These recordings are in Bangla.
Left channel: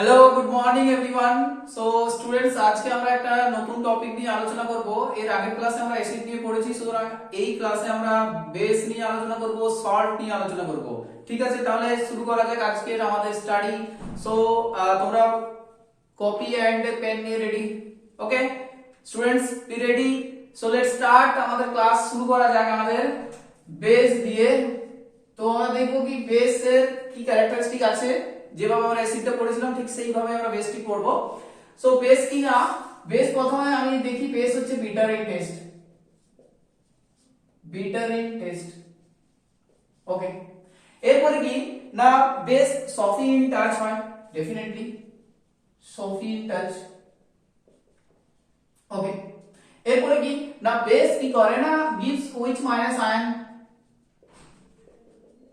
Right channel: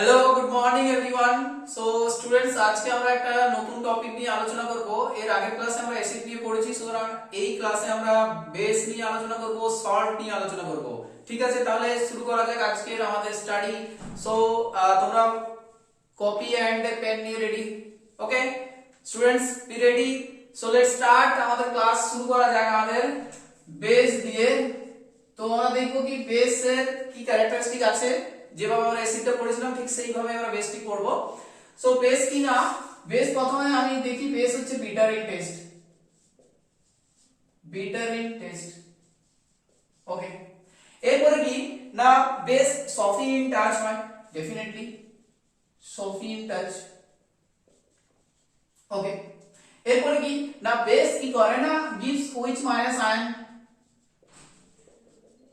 Hello good morning everyone. So students, আজকে আমরা একটা নতুন টপিক নিয়ে আলোচনা করব। এর আগের ক্লাসে আমরা অ্যাসিড নিয়ে পড়েছি, সুতরাং এই ক্লাসে আমরা বেস নিয়ে আলোচনা করব, সল্ট নিয়ে আলোচনা করব। ঠিক আছে, তাহলে শুরু করা যাক আজকের আমাদের স্টাডি। সো তোমরা কপি এন্ড পেন নিয়ে ready? Okay students, be ready? So let's start. আমাদের ক্লাস শুরু করা যাক আমাদের বেস দিয়ে। তো আমরা দেখবো কি বেসের কি ক্যারেক্টারিস্টিক আছে, যেভাবে আমরা অ্যাসিডটা পড়েছিলাম ঠিক সেইভাবে আমরা বেসটি করব। সো বেস কি না, বেস প্রথমে আমি দেখি বেস হচ্ছে বিটারিন টেস্ট, বিটারিন টেস্ট। ওকে, এরপরে কি না, বেস সফি ইন টাচ হয়, definitely soapy in touch. Okay, এরপরে কি না, বেস কি করে না, gives OH minus ion,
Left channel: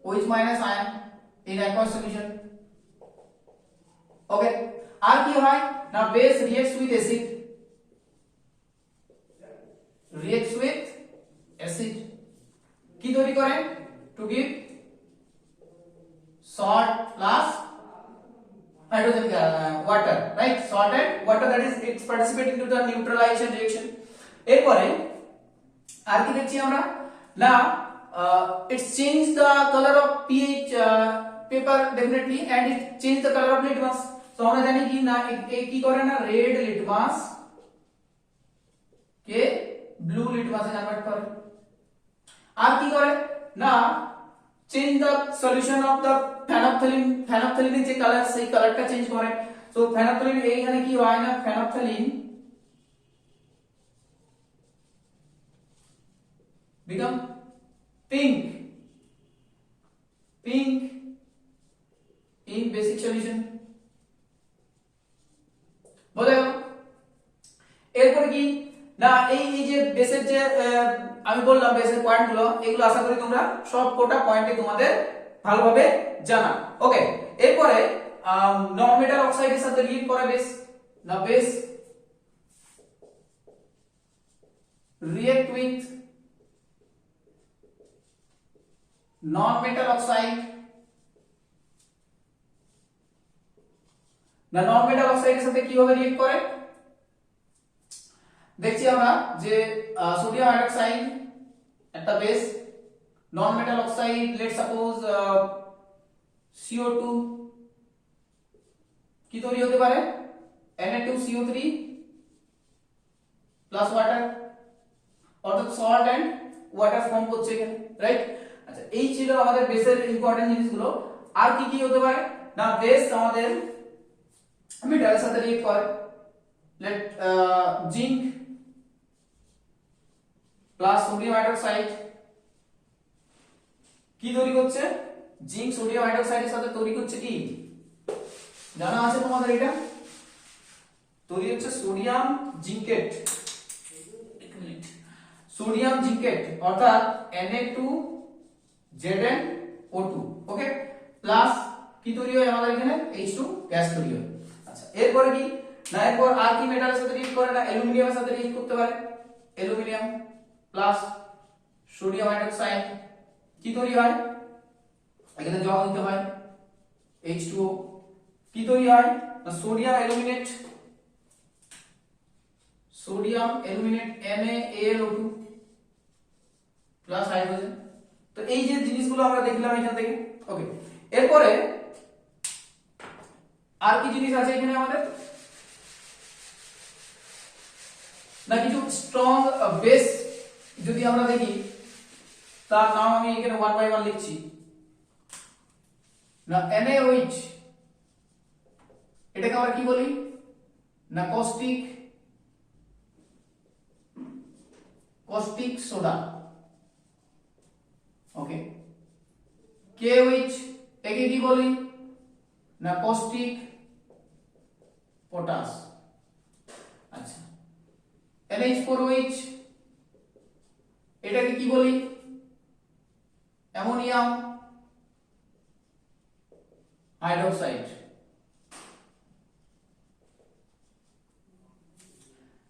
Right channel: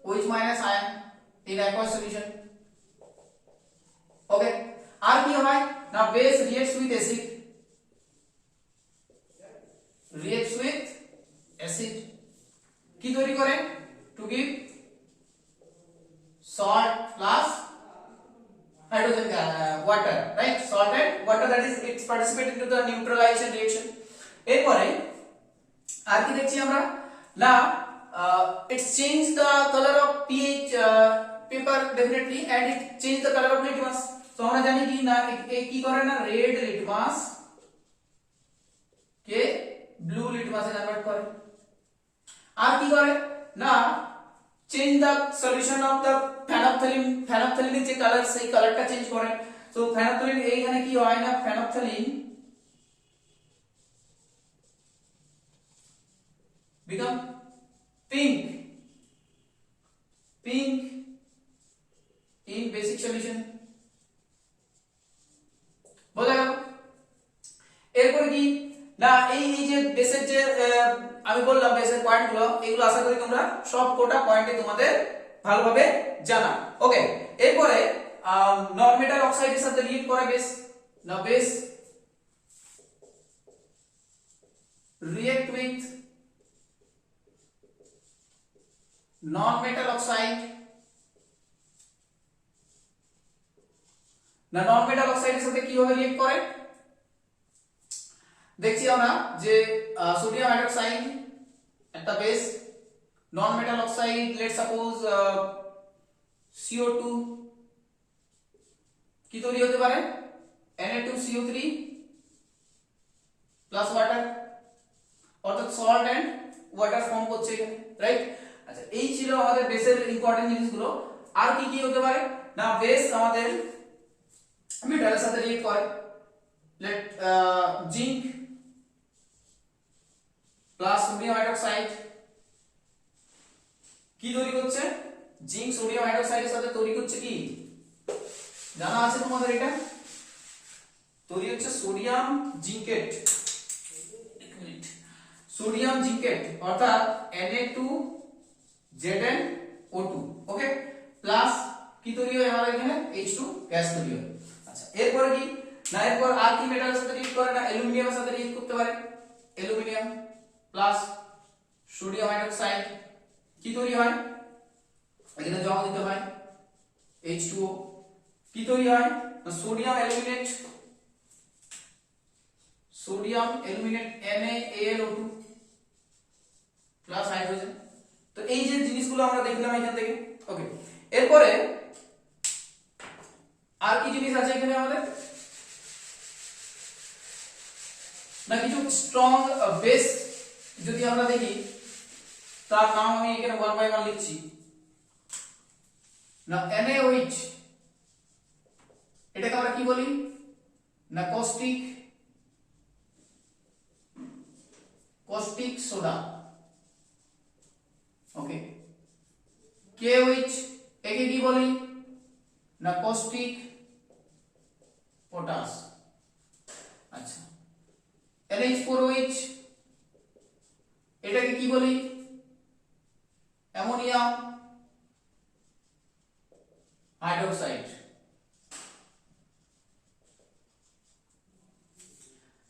OH minus ion in aqueous solution। Okay, আর কি হয় না, base reacts with acid, reacts with acid কি তৈরি করে, to give salt plus hydrogen water, right? Salt and water, that is it's participating to the neutralization reaction। এরপরে আর কি দেখছি আমরা না, it's change the color of pH paper definitely, and it change the color of litmus। তো আমরা জানি কি না, কি করে না, রেড লিটমাস কে ব্লু লিটমাসে কনভার্ট করে। আর কি করে না, change the solution of the phenolphthalein, ফেনফথ্যালিনের যে কালার সেই কালারটা চেঞ্জ করে। সো ফেনফথ্যালিন এইখানে কি হয় না, ফেনফথ্যালিন become pink, pink in basic solution। বোঝা গেল? এরপরে কি না, এই যে বেসের যে আমি বললাম বেসের পয়েন্টগুলো, এগুলো আশা করি তোমরা সব কোটা পয়েন্টে তোমাদের ভালোভাবে জানা। ওকে, এরপরে নন মেটাল অক্সাইডের সাথে রিয়েক্ট করে বেস, না base react with non metal oxide, না নন মেটাল অক্সাইডের সাথে কিভাবে রিয়েক্ট করে দেখছি আমরা যে সোডিয়াম হাইড্রোক্সাইড একটা বেস, নন metal oxide late suppose CO2 কি তৈরি হতে পারে, Na2CO3 প্লাস ওয়াটার, অর্থাৎ সল্ট এন্ড ওয়াটার ফর্ম করছে এখানে, রাইট? আচ্ছা, এই ছিল আমাদের বেসের ইম্পর্টেন্ট জিনিসগুলো। আর কি কি হতে পারে না, বেস আমাদের মেটালের সাথে রিয়েক্ট করে, let zinc plus sodium hydroxide কি তৈরি করছে, জিঙ্ক সোডিয়াম হাইড্রোক্সাইডের সাথে তৈরি করছে কি জানা আছে তোমাদের, এটা তৈরি হচ্ছে সোডিয়াম জিঙ্কেট, সোডিয়াম জিঙ্কেট অর্থাৎ Na2ZnO2। ওকে, প্লাস কি তৈরি হয় আমাদের এখানে, H2 গ্যাস তৈরি হয়। আচ্ছা, এরপরে কি না, এরপর আর কি মেটালের সাথে রিয়েক্ট করে না, অ্যালুমিনিয়ামের সাথে রিয়েক্ট করতে পারে, অ্যালুমিনিয়াম প্লাস সোডিয়াম হাইড্রোক্সাইড কি তৈরি হয়, এখানে জল দিতে হয় H2O, কি তৈরি হয় না, sodium aluminate, sodium aluminate NaAlO2 plus hydrogen. তো এই যে জিনিসগুলো আমরা দেখলাম এখান থেকে। ওকে, এরপরে আর কি জিনিস আছে এখানে আমাদের না, কিছু স্ট্রং বেস যদি আমরা দেখি, তার নাম আমি এখানে 1 বাই 1 লিখছি না, NaOH, এটাকে আমরা কি বলি না, কস্টিক, কস্টিক সোডা। ওকে, KOH একে কি বলি না, কস্টিক পটাশ। আচ্ছা, NH4OH এটাকে কি বলি, ammonium hydroxide.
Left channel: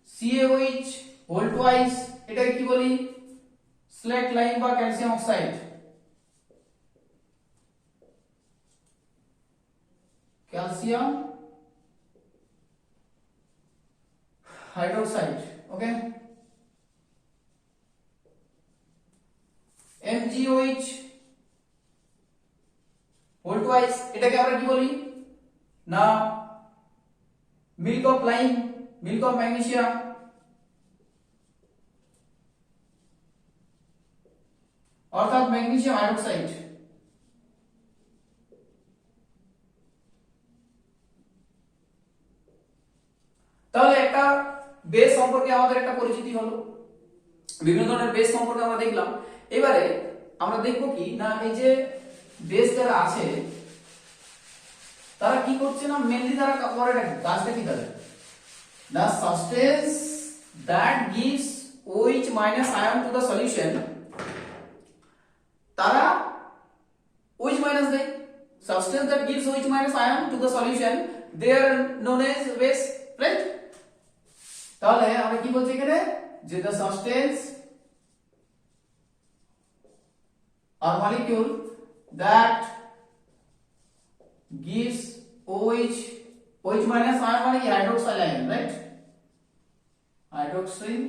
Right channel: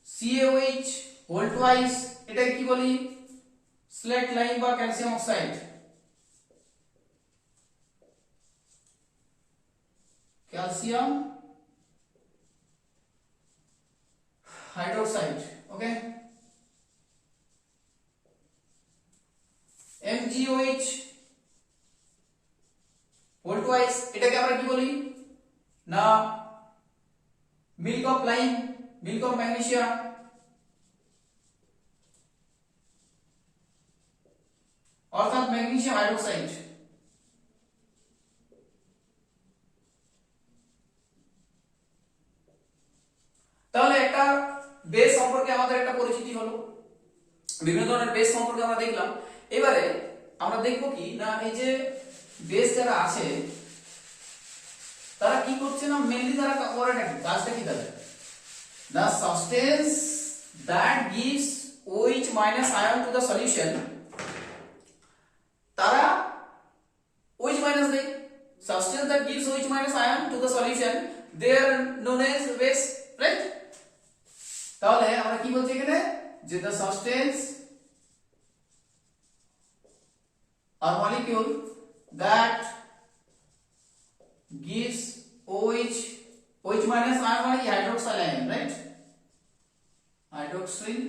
CaOH whole twice এটাকে কি বলি, স্লেট লাইম বা calcium oxide. Calcium hydroxide okay MgOH whole twice এটাকে আমরা কি বলি না milk of lime milk of magnesium অর্থাৎ ম্যাগনেসিয়াম হাইড্রোক্সাইড তাহলে একটা বেস সম্পর্কে আমাদের একটা পরিচিতি হলো বিভিন্ন ধরনের বেস সম্পর্কে আমরা দেখলাম এবারে আমরা দেখব কি না এই যে বেস যারা আছে তারা কি করছে না মেইনলি তারা করেটা কি কাজটা কি তাদের the substance that gives OH minus ion to the solution তারা OH minus দেয় substance that gives OH minus ion to the solution they are known as base right তাহলে আমরা কি বলছি এখানে যে the substance or molecule that gives OH minus ion মানে কি hydroxyl ion right hydroxyl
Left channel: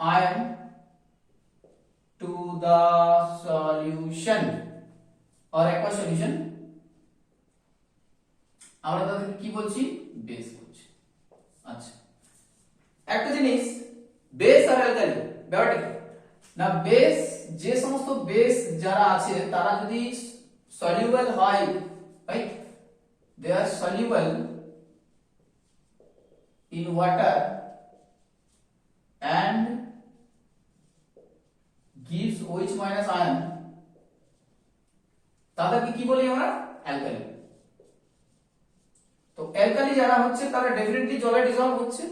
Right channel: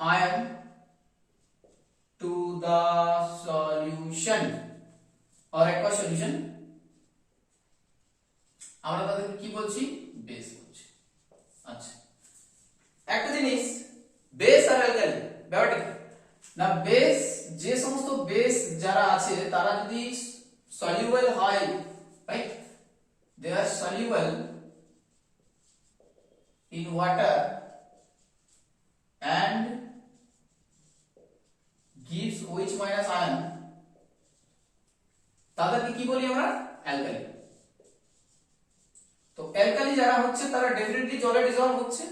ion to the solution or aqueous solution আমরা তাদেরকে কি বলছি বেস বলছি আচ্ছা একটা জিনিস বেস আর অ্যালকালি ব্যাপারটা কি না বেস যে সমস্ত বেস যারা আছে তারা যদি soluble হয় right they are soluble in water and gives OH minus ion তাদেরকে কি বলি আমরা অ্যালকালি তো অ্যালকালি যারা হচ্ছে তারা ডেফিনেটলি জলে ডিসলভ হচ্ছে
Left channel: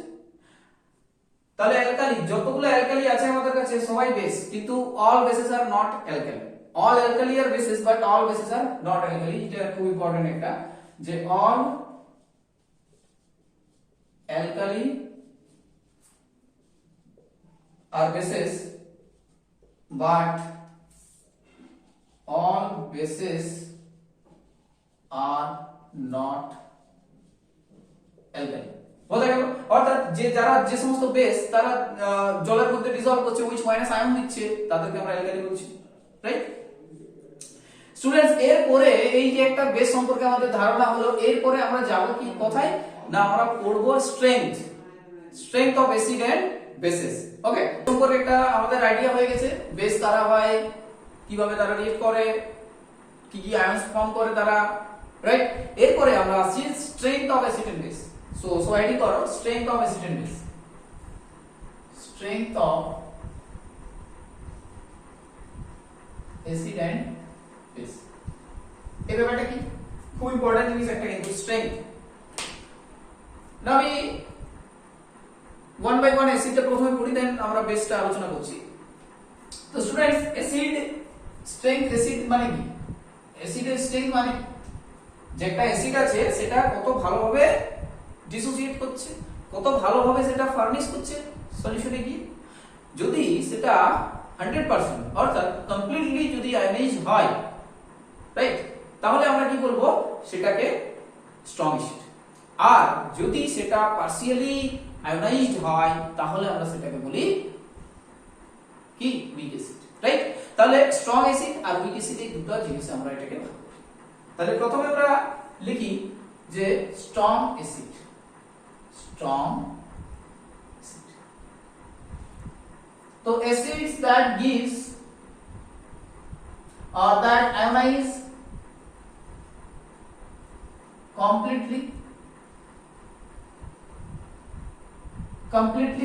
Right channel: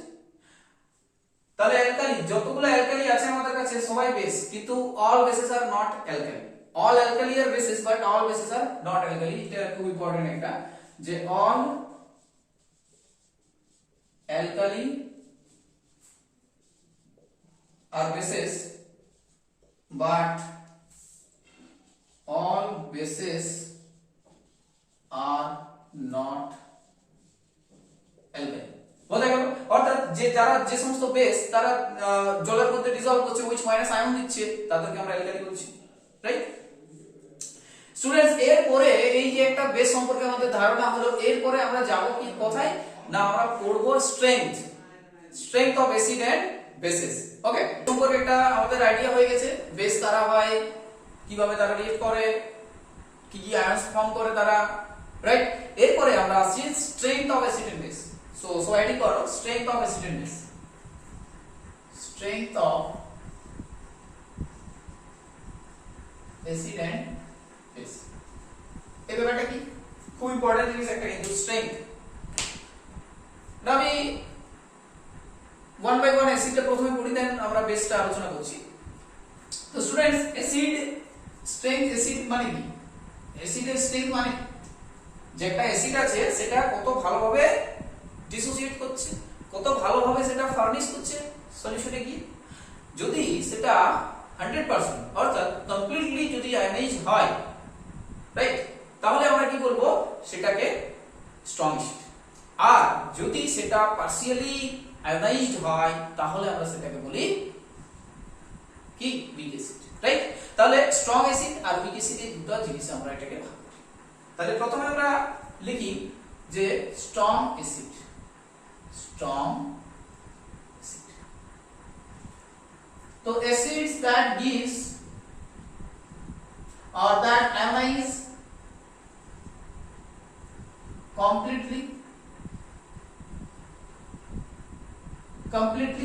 তাহলে অ্যালকালি যতগুলো অ্যালকালি আছে আমাদের কাছে সবাই বেস কিন্তু all bases are not alkali all alkali are bases but all bases are not alkali এটা খুব ইম্পর্টেন্ট একটা যে all alkali are bases but all bases are not alkali বোঝা গেল অর্থাৎ যে যারা যে সমস্ত বেস তারা জলের মধ্যে ডিসলভ করছে OH মাইনাস আয়ন দিচ্ছে তাদেরকে আমরা অ্যালকালি বলছি রাইট স্টুডেন্টস এরপরে এই যে একটা বেস সম্পর্কে আমাদের ধারণা হলো এরপরে আমরা যাব কি কোথায় না আমরা পড়ব strength of acid and bases okay সম্পর্কে একটা আমাদের আইডিয়া হয়ে গেছে বেস কারা হয় কিভাবে তারা রিঅ্যাক্ট করে কি কি আয়নস ফর্ম করে তারা রাইট এরপরে আমরা আসছি strength of acid and base so ID করো strength of acid and base strength of acid and base এই ব্যাপারটা কি খুব ইম্পর্টেন্ট জিনিস একটা কিন্তু স্ট্রেংথ না আমি ওয়ান বাই ওয়ান অ্যাসিডটা প্রথমে পড়ি দেন আমরা বেসটা আলোচনা করছি তো স্টুডেন্টস অ্যাসিড স্ট্রেংথ অ্যাসিড মানে কি অ্যাসিডের স্ট্রেংথ মানে যে একটা অ্যাসিড আছে সেটা কত ভালোভাবে ডিসোসিয়েট করছে কত ভালোভাবে সেটা ফার্নিশ করছে সলিউশনে গিয়ে যদি সেটা 100% অর্থাৎ কমপ্লিটলি যদি আয়নাইজ হয় রাইট তাহলে আমরা কি বলবো সেটাকে স্ট্রং অ্যাসিড আর যদি সেটা পার্সিয়ালি আয়োনাইজড হয় তাহলে আমরা সেটাকে বলি কি উইক অ্যাসিড রাইট তাহলে স্ট্রং অ্যাসিড আর উইক অ্যাসিড এই দুটো জিনিস আমরা এটাকে ভাগ করি তাহলে প্রথমে আমরা লিখি যে স্ট্রং অ্যাসিড তো acids that gives or that ionize completely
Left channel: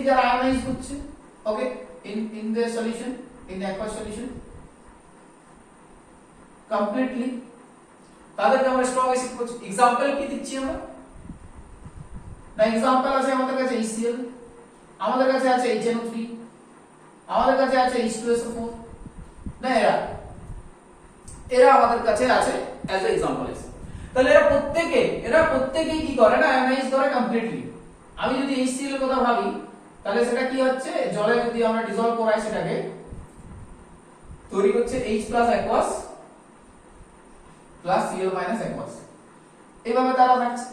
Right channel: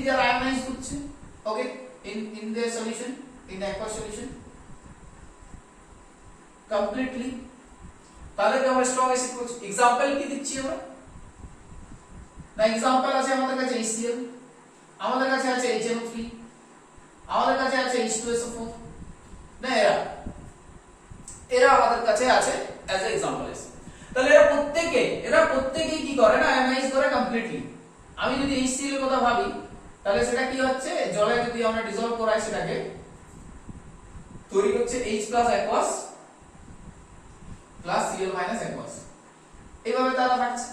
যারা ionize করছে okay in their solution in the aqueous solution completely তাদেরকে আমরা স্ট্রং অ্যাসিড করছি एग्जांपल কি দিচ্ছি আমরা না एग्जांपल আছে আমাদের কাছে HCl আমাদের কাছে আছে HNO3 আমাদের কাছে আছে H2SO4 না এরা আমাদের কাছে আছে অ্যাজ এ एग्जांपल আছে তাহলে এরা প্রত্যেকেই কি করে না আয়োনাইজ করে কমপ্লিটলি আমি যদি HCl এর কথা ভাবি তাহলে সেটা কি হচ্ছে জলে যদি আমরা ডিসলভ করাই সেটাকে তৈরি হচ্ছে H+ aqueous plus Cl- aqueous এইভাবে তারা থাকছে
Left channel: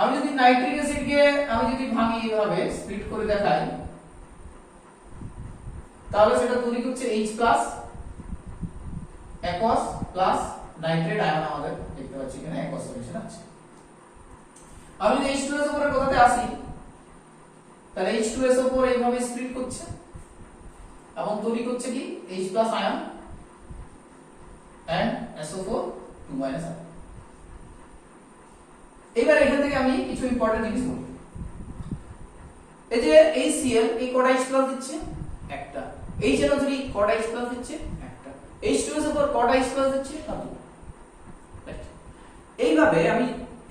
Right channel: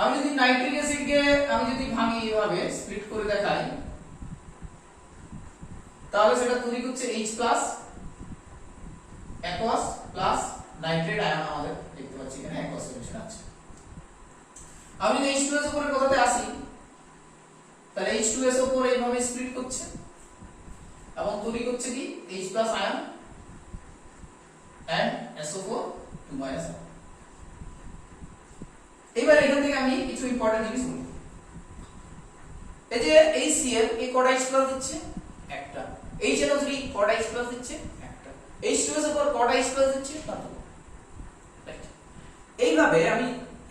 আমি যদি নাইট্রিক অ্যাসিডকে আমি যদি ভাঙি এভাবে স্প্লিট করে দেখাই, তাহলে সেটা তৈরি করছে H plus aqueous plus nitrate ion. আমাদের দেখতে পাচ্ছি এখানে অ্যাকোয়াস সলিউশন আছে। আমি যদি H2SO4 এর কথাতে আসি, তাহলে H2SO4 এইভাবে স্প্লিট করছে এবং তৈরি করছে কি H plus ion and SO4 2 ion. এবার এখান থেকে আমি কিছু ইম্পর্টেন্ট জিনিস বলি। এই যে HCl এই কটা H প্লাস দিচ্ছে একটা, HNO3 কটা H প্লাস দিচ্ছে একটা, H2SO4 কটা H প্লাস দিচ্ছে না তো। রাইট, এইভাবে আমি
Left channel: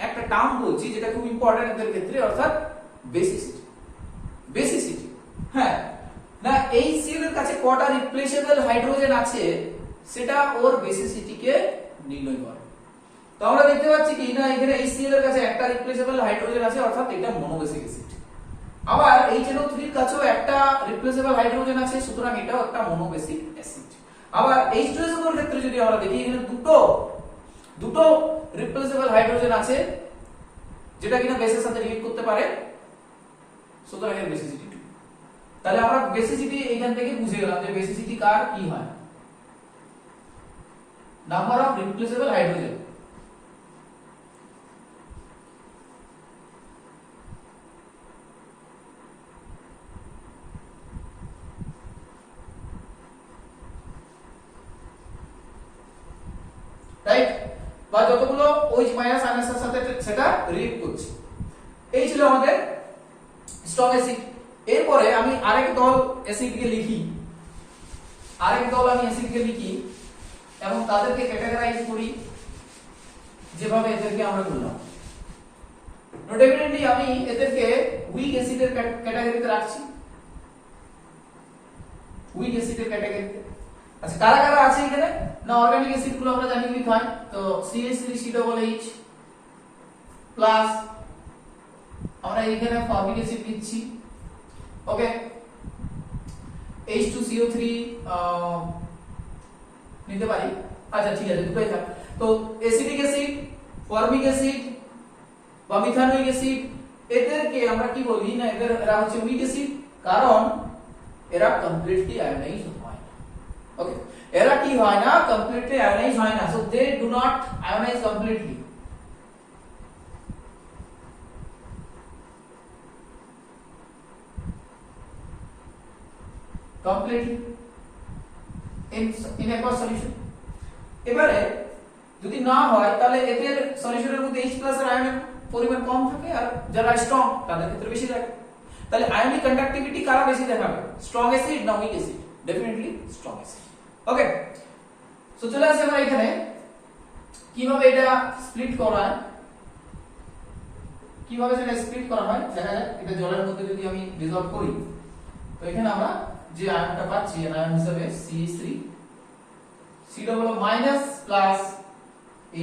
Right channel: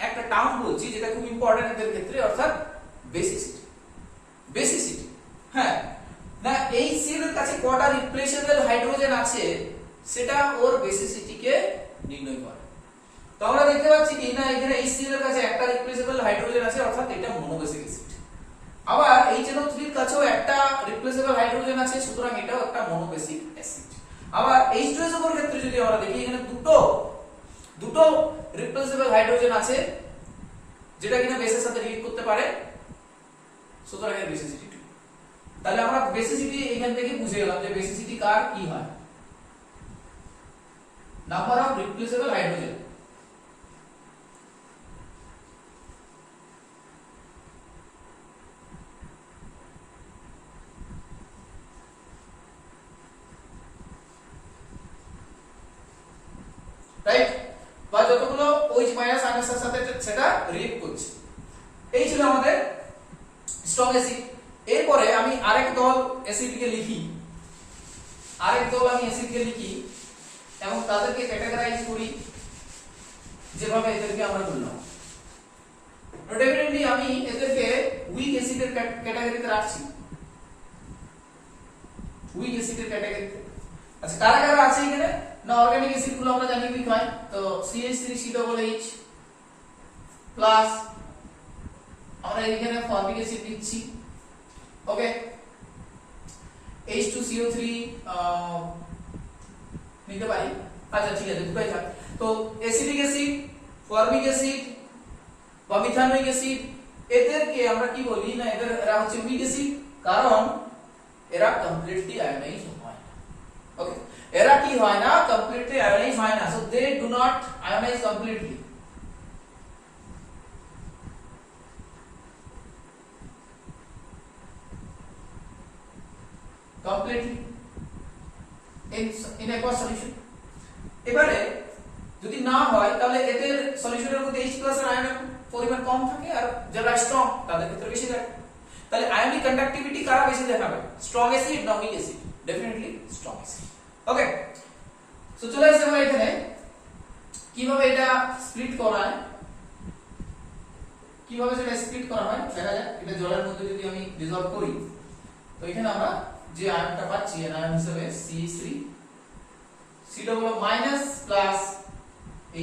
একটা টার্ম বলছি যেটা খুব ইম্পর্টেন্ট এদের ক্ষেত্রে, অর্থাৎ বেসিসিটি। বেসিসিটি, হ্যাঁ না, HCl এর কাছে কটা রিপ্লেসেবল হাইড্রোজেন আছে সেটা ওর বেসিসিটিকে নির্ণয় করে। তো আমরা দেখতে পাচ্ছি কি না, এখানে HCl এর কাছে একটা রিপ্লেসেবল হাইড্রোজেন আছে, অর্থাৎ এটা মনোবেসিক অ্যাসিড। আবার HNO3 এর কাছেও একটা রিপ্লেসেবল হাইড্রোজেন আছে, সুতরাং এটাও একটা মনোবেসিক অ্যাসিড। আবার H2SO4 এর ক্ষেত্রে যদি আমরা দেখি, এখানে দুটো রিপ্লেসেবল হাইড্রোজেন আছে যেটা কিনা বেসের সাথে রিলেট করতে পারে, সুতরাং এর বেসিসিটি 2। তাহলে আমরা বেসিসিটি এখান থেকে বুঝে গেলাম যে বেসিসিটি কার কি হয়, number of replaceable hydrogen. Right, বা যতগুলো OH মাইনাস আয়নের সাথে সেটা রিয়েক্ট করছে। এই ছিল আমাদের স্ট্রং অ্যাসিড। এরপরে আমি আরেক দল অ্যাসিডকে লিখি, এবং তাদেরকে ক্যাটাগরাইজ করি যেভাবে এদেরকে আমরা করলাম। ডেফিনেটলি আমি এদেরকে উইক অ্যাসিডের ক্যাটাগরিতে রাখছি, উইক অ্যাসিডের ক্যাটাগরিতে। আচ্ছা, কারা কারা আছে এখানে না, অর্গানিক অ্যাসিড গুলো আমরা জানি উইক হয়, তো CH3COOH প্লাস আমরা এখানে ফর্মিক অ্যাসিড দিচ্ছি, ওকে, H2CO3 নিতে পারি। আচ্ছা ঠিক আছে, দুটোই থাক। তো অ্যাসিডিক অ্যাসিড, ফর্মিক অ্যাসিড বা মিথানোইক অ্যাসিড, এদেরকে আমরা কি বলি না, এরা হচ্ছে উইক অ্যাসিড, কারণ এরা কমপ্লিটলি আয়োনাইজ হয় না। ওকে, এরা কি হয় না, কমপ্লিটলি আয়োনাইজ হয় না, so they do not ionize completely. completely in aqueous solution। এবারে যদি না হয় তাহলে এদের সলিউশনের মধ্যে H+ এর আয়নের পরিমাণ কম থাকে, আর যারা স্ট্রং তাদের ক্ষেত্রে বেশি থাকে। তাহলে আয়নিক কন্ডাক্টিভিটি কারা বেশি দেখাবে, স্ট্রং অ্যাসিড না weak acid? Definitely strong acid. Okay, so চলে আসে আমরা এখানে কিভাবে এটা স্প্লিট করা হয়, কিভাবে সেটা স্প্লিট করা হয় দেখা যাক। এটা জলের মধ্যে যদি আমি ডিসলভ করি, তো এখানে আমরা যে আয়নটা পাচ্ছি এর আয়ন হিসেবে CH3 C minus plus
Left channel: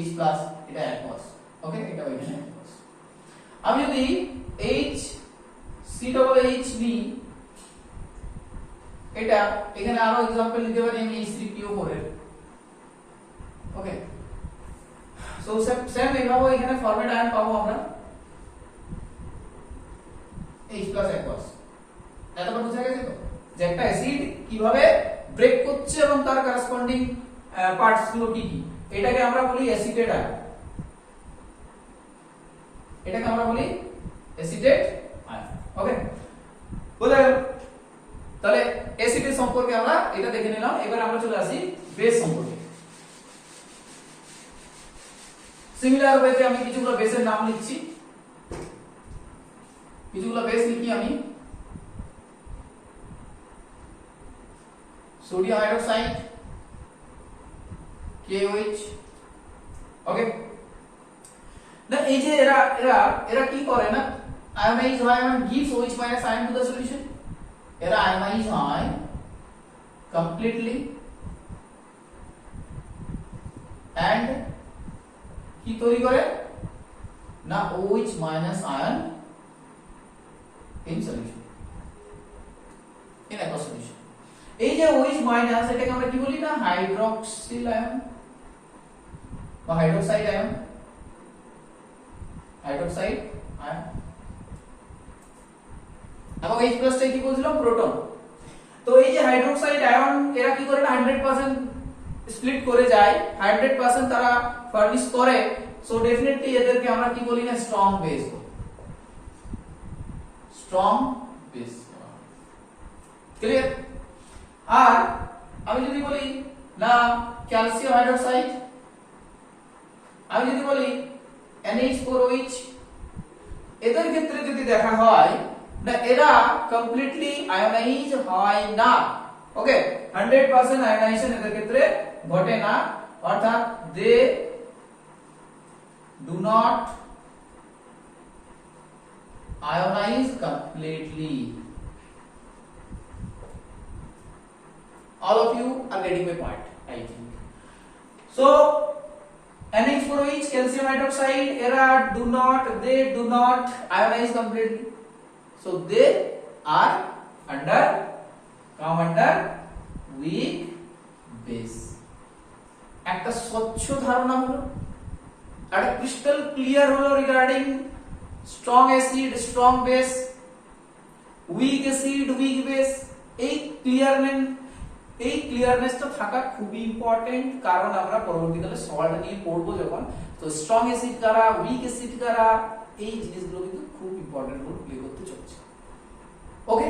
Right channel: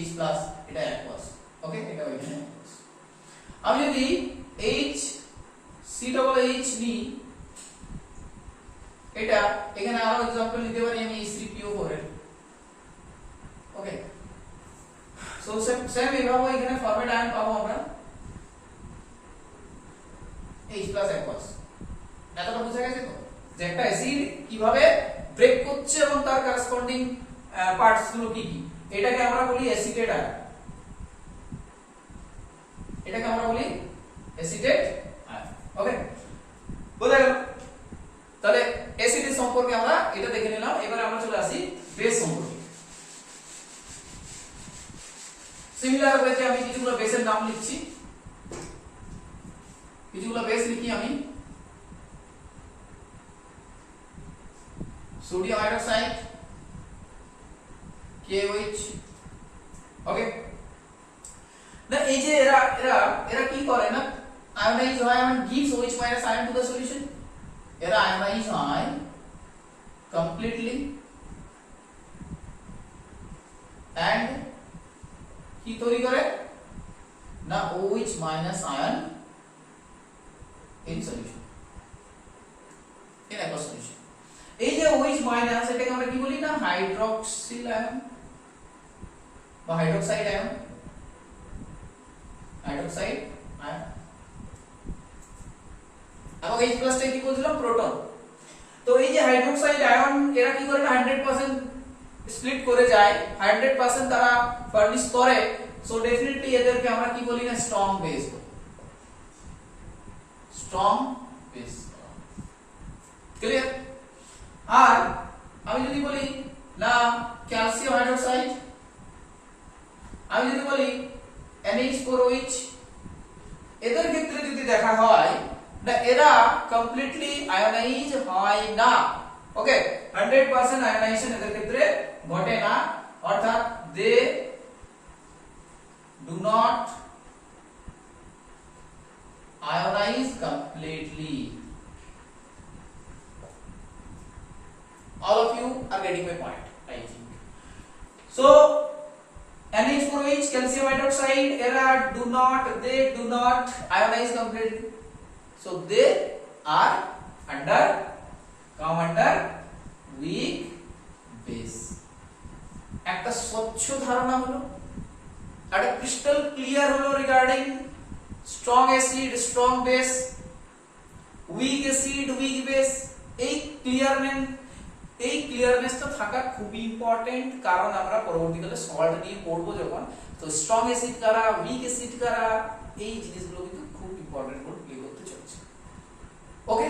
H plus, এটা অ্যাকোয়াস। ওকে, এটা এখানে অ্যাকোয়াস। আমি যদি HCOOH নিই, এটা এখানে আরো एग्जांपल নিতে পারি আমি H3PO4 এর। ওকে, সো সেম এভাবে এখানে ফরম্যাট আয়ন পাবো আমরা H প্লাস অ্যাকোয়াস। এতটা বুঝা গেছে তো যে একটা অ্যাসিড কিভাবে ব্রেক করছে এবং তার করেসপন্ডিং পার্টস গুলো কি কি। এটাকে আমরা বলি অ্যাসিটেট আয়ন, এটাকে আমরা বলি অ্যাসিটেট আয়ন। ওকে, বোঝা গেল? তাহলে অ্যাসিডের সম্পর্কে আমরা এটা দেখে নিলাম। এবার আমরা চলে আসি বেস সম্পর্কে। সিমিলার ওয়েতে আমি কিছুগুলো বেসের নাম লিখছি, কিছুগুলো বেস লিখি আমি। Sodium hydroxide KOH। ওকে, না এই যে এরা এরা এরা কি করে না, আয়োনাইজ হয় এবং gives OH minus ion to the solution। এরা আয়োনাইজ হয় completely and কি তৈরি করে না OH minus ion in solution, in aqueous solution। এই যে OH মাইনাস, এটাকে আমরা কি বলি না হাইড্রক্সিল আয়ন বা হাইড্রোক্সাইড আয়ন, হাইড্রোক্সাইড H প্লাসটা কি বলছিলাম প্রোটন। তো এই যে হাইড্রোক্সাইড আয়ন এরা কি করে না 100% স্প্লিট করে যায়, 100% তারা ফার্নিশ করে, সো ডেফিনেটলি এদেরকে আমরা কি বলি না strong base, strong base. Clear? আর আমি যদি বলি না ক্যালসিয়াম হাইড্রোক্সাইড, আমি যদি বলি NH4OH, এদের ক্ষেত্রে যদি দেখা হয় না এরা কমপ্লিটলি আয়োনাইজ হয় না। ওকে, 100% আয়োনাইজেশন এদের ক্ষেত্রে ঘটে না, অর্থাৎ they do not ionize completely. All of you are getting my point, I think. So NH4OH, calcium hydroxide, they do not ionize completely. So they are come under weak base. একটা স্বচ্ছ ধারণা হলো, একটা ক্রিস্টাল ক্লিয়ার হলো regarding strong acid, strong base, weak acid, week base. এই ক্লিয়ারনেসটা থাকা খুবই ইম্পর্টেন্ট, কারণ আমরা পরবর্তীকালে সল্ট নিয়ে পড়বো যখন, তো স্ট্রং অ্যাসিড কারা, উইক অ্যাসিড কারা, এই জিনিসগুলো কিন্তু খুব ইম্পর্টেন্ট রোল প্লে করতে চলেছে। ওকে,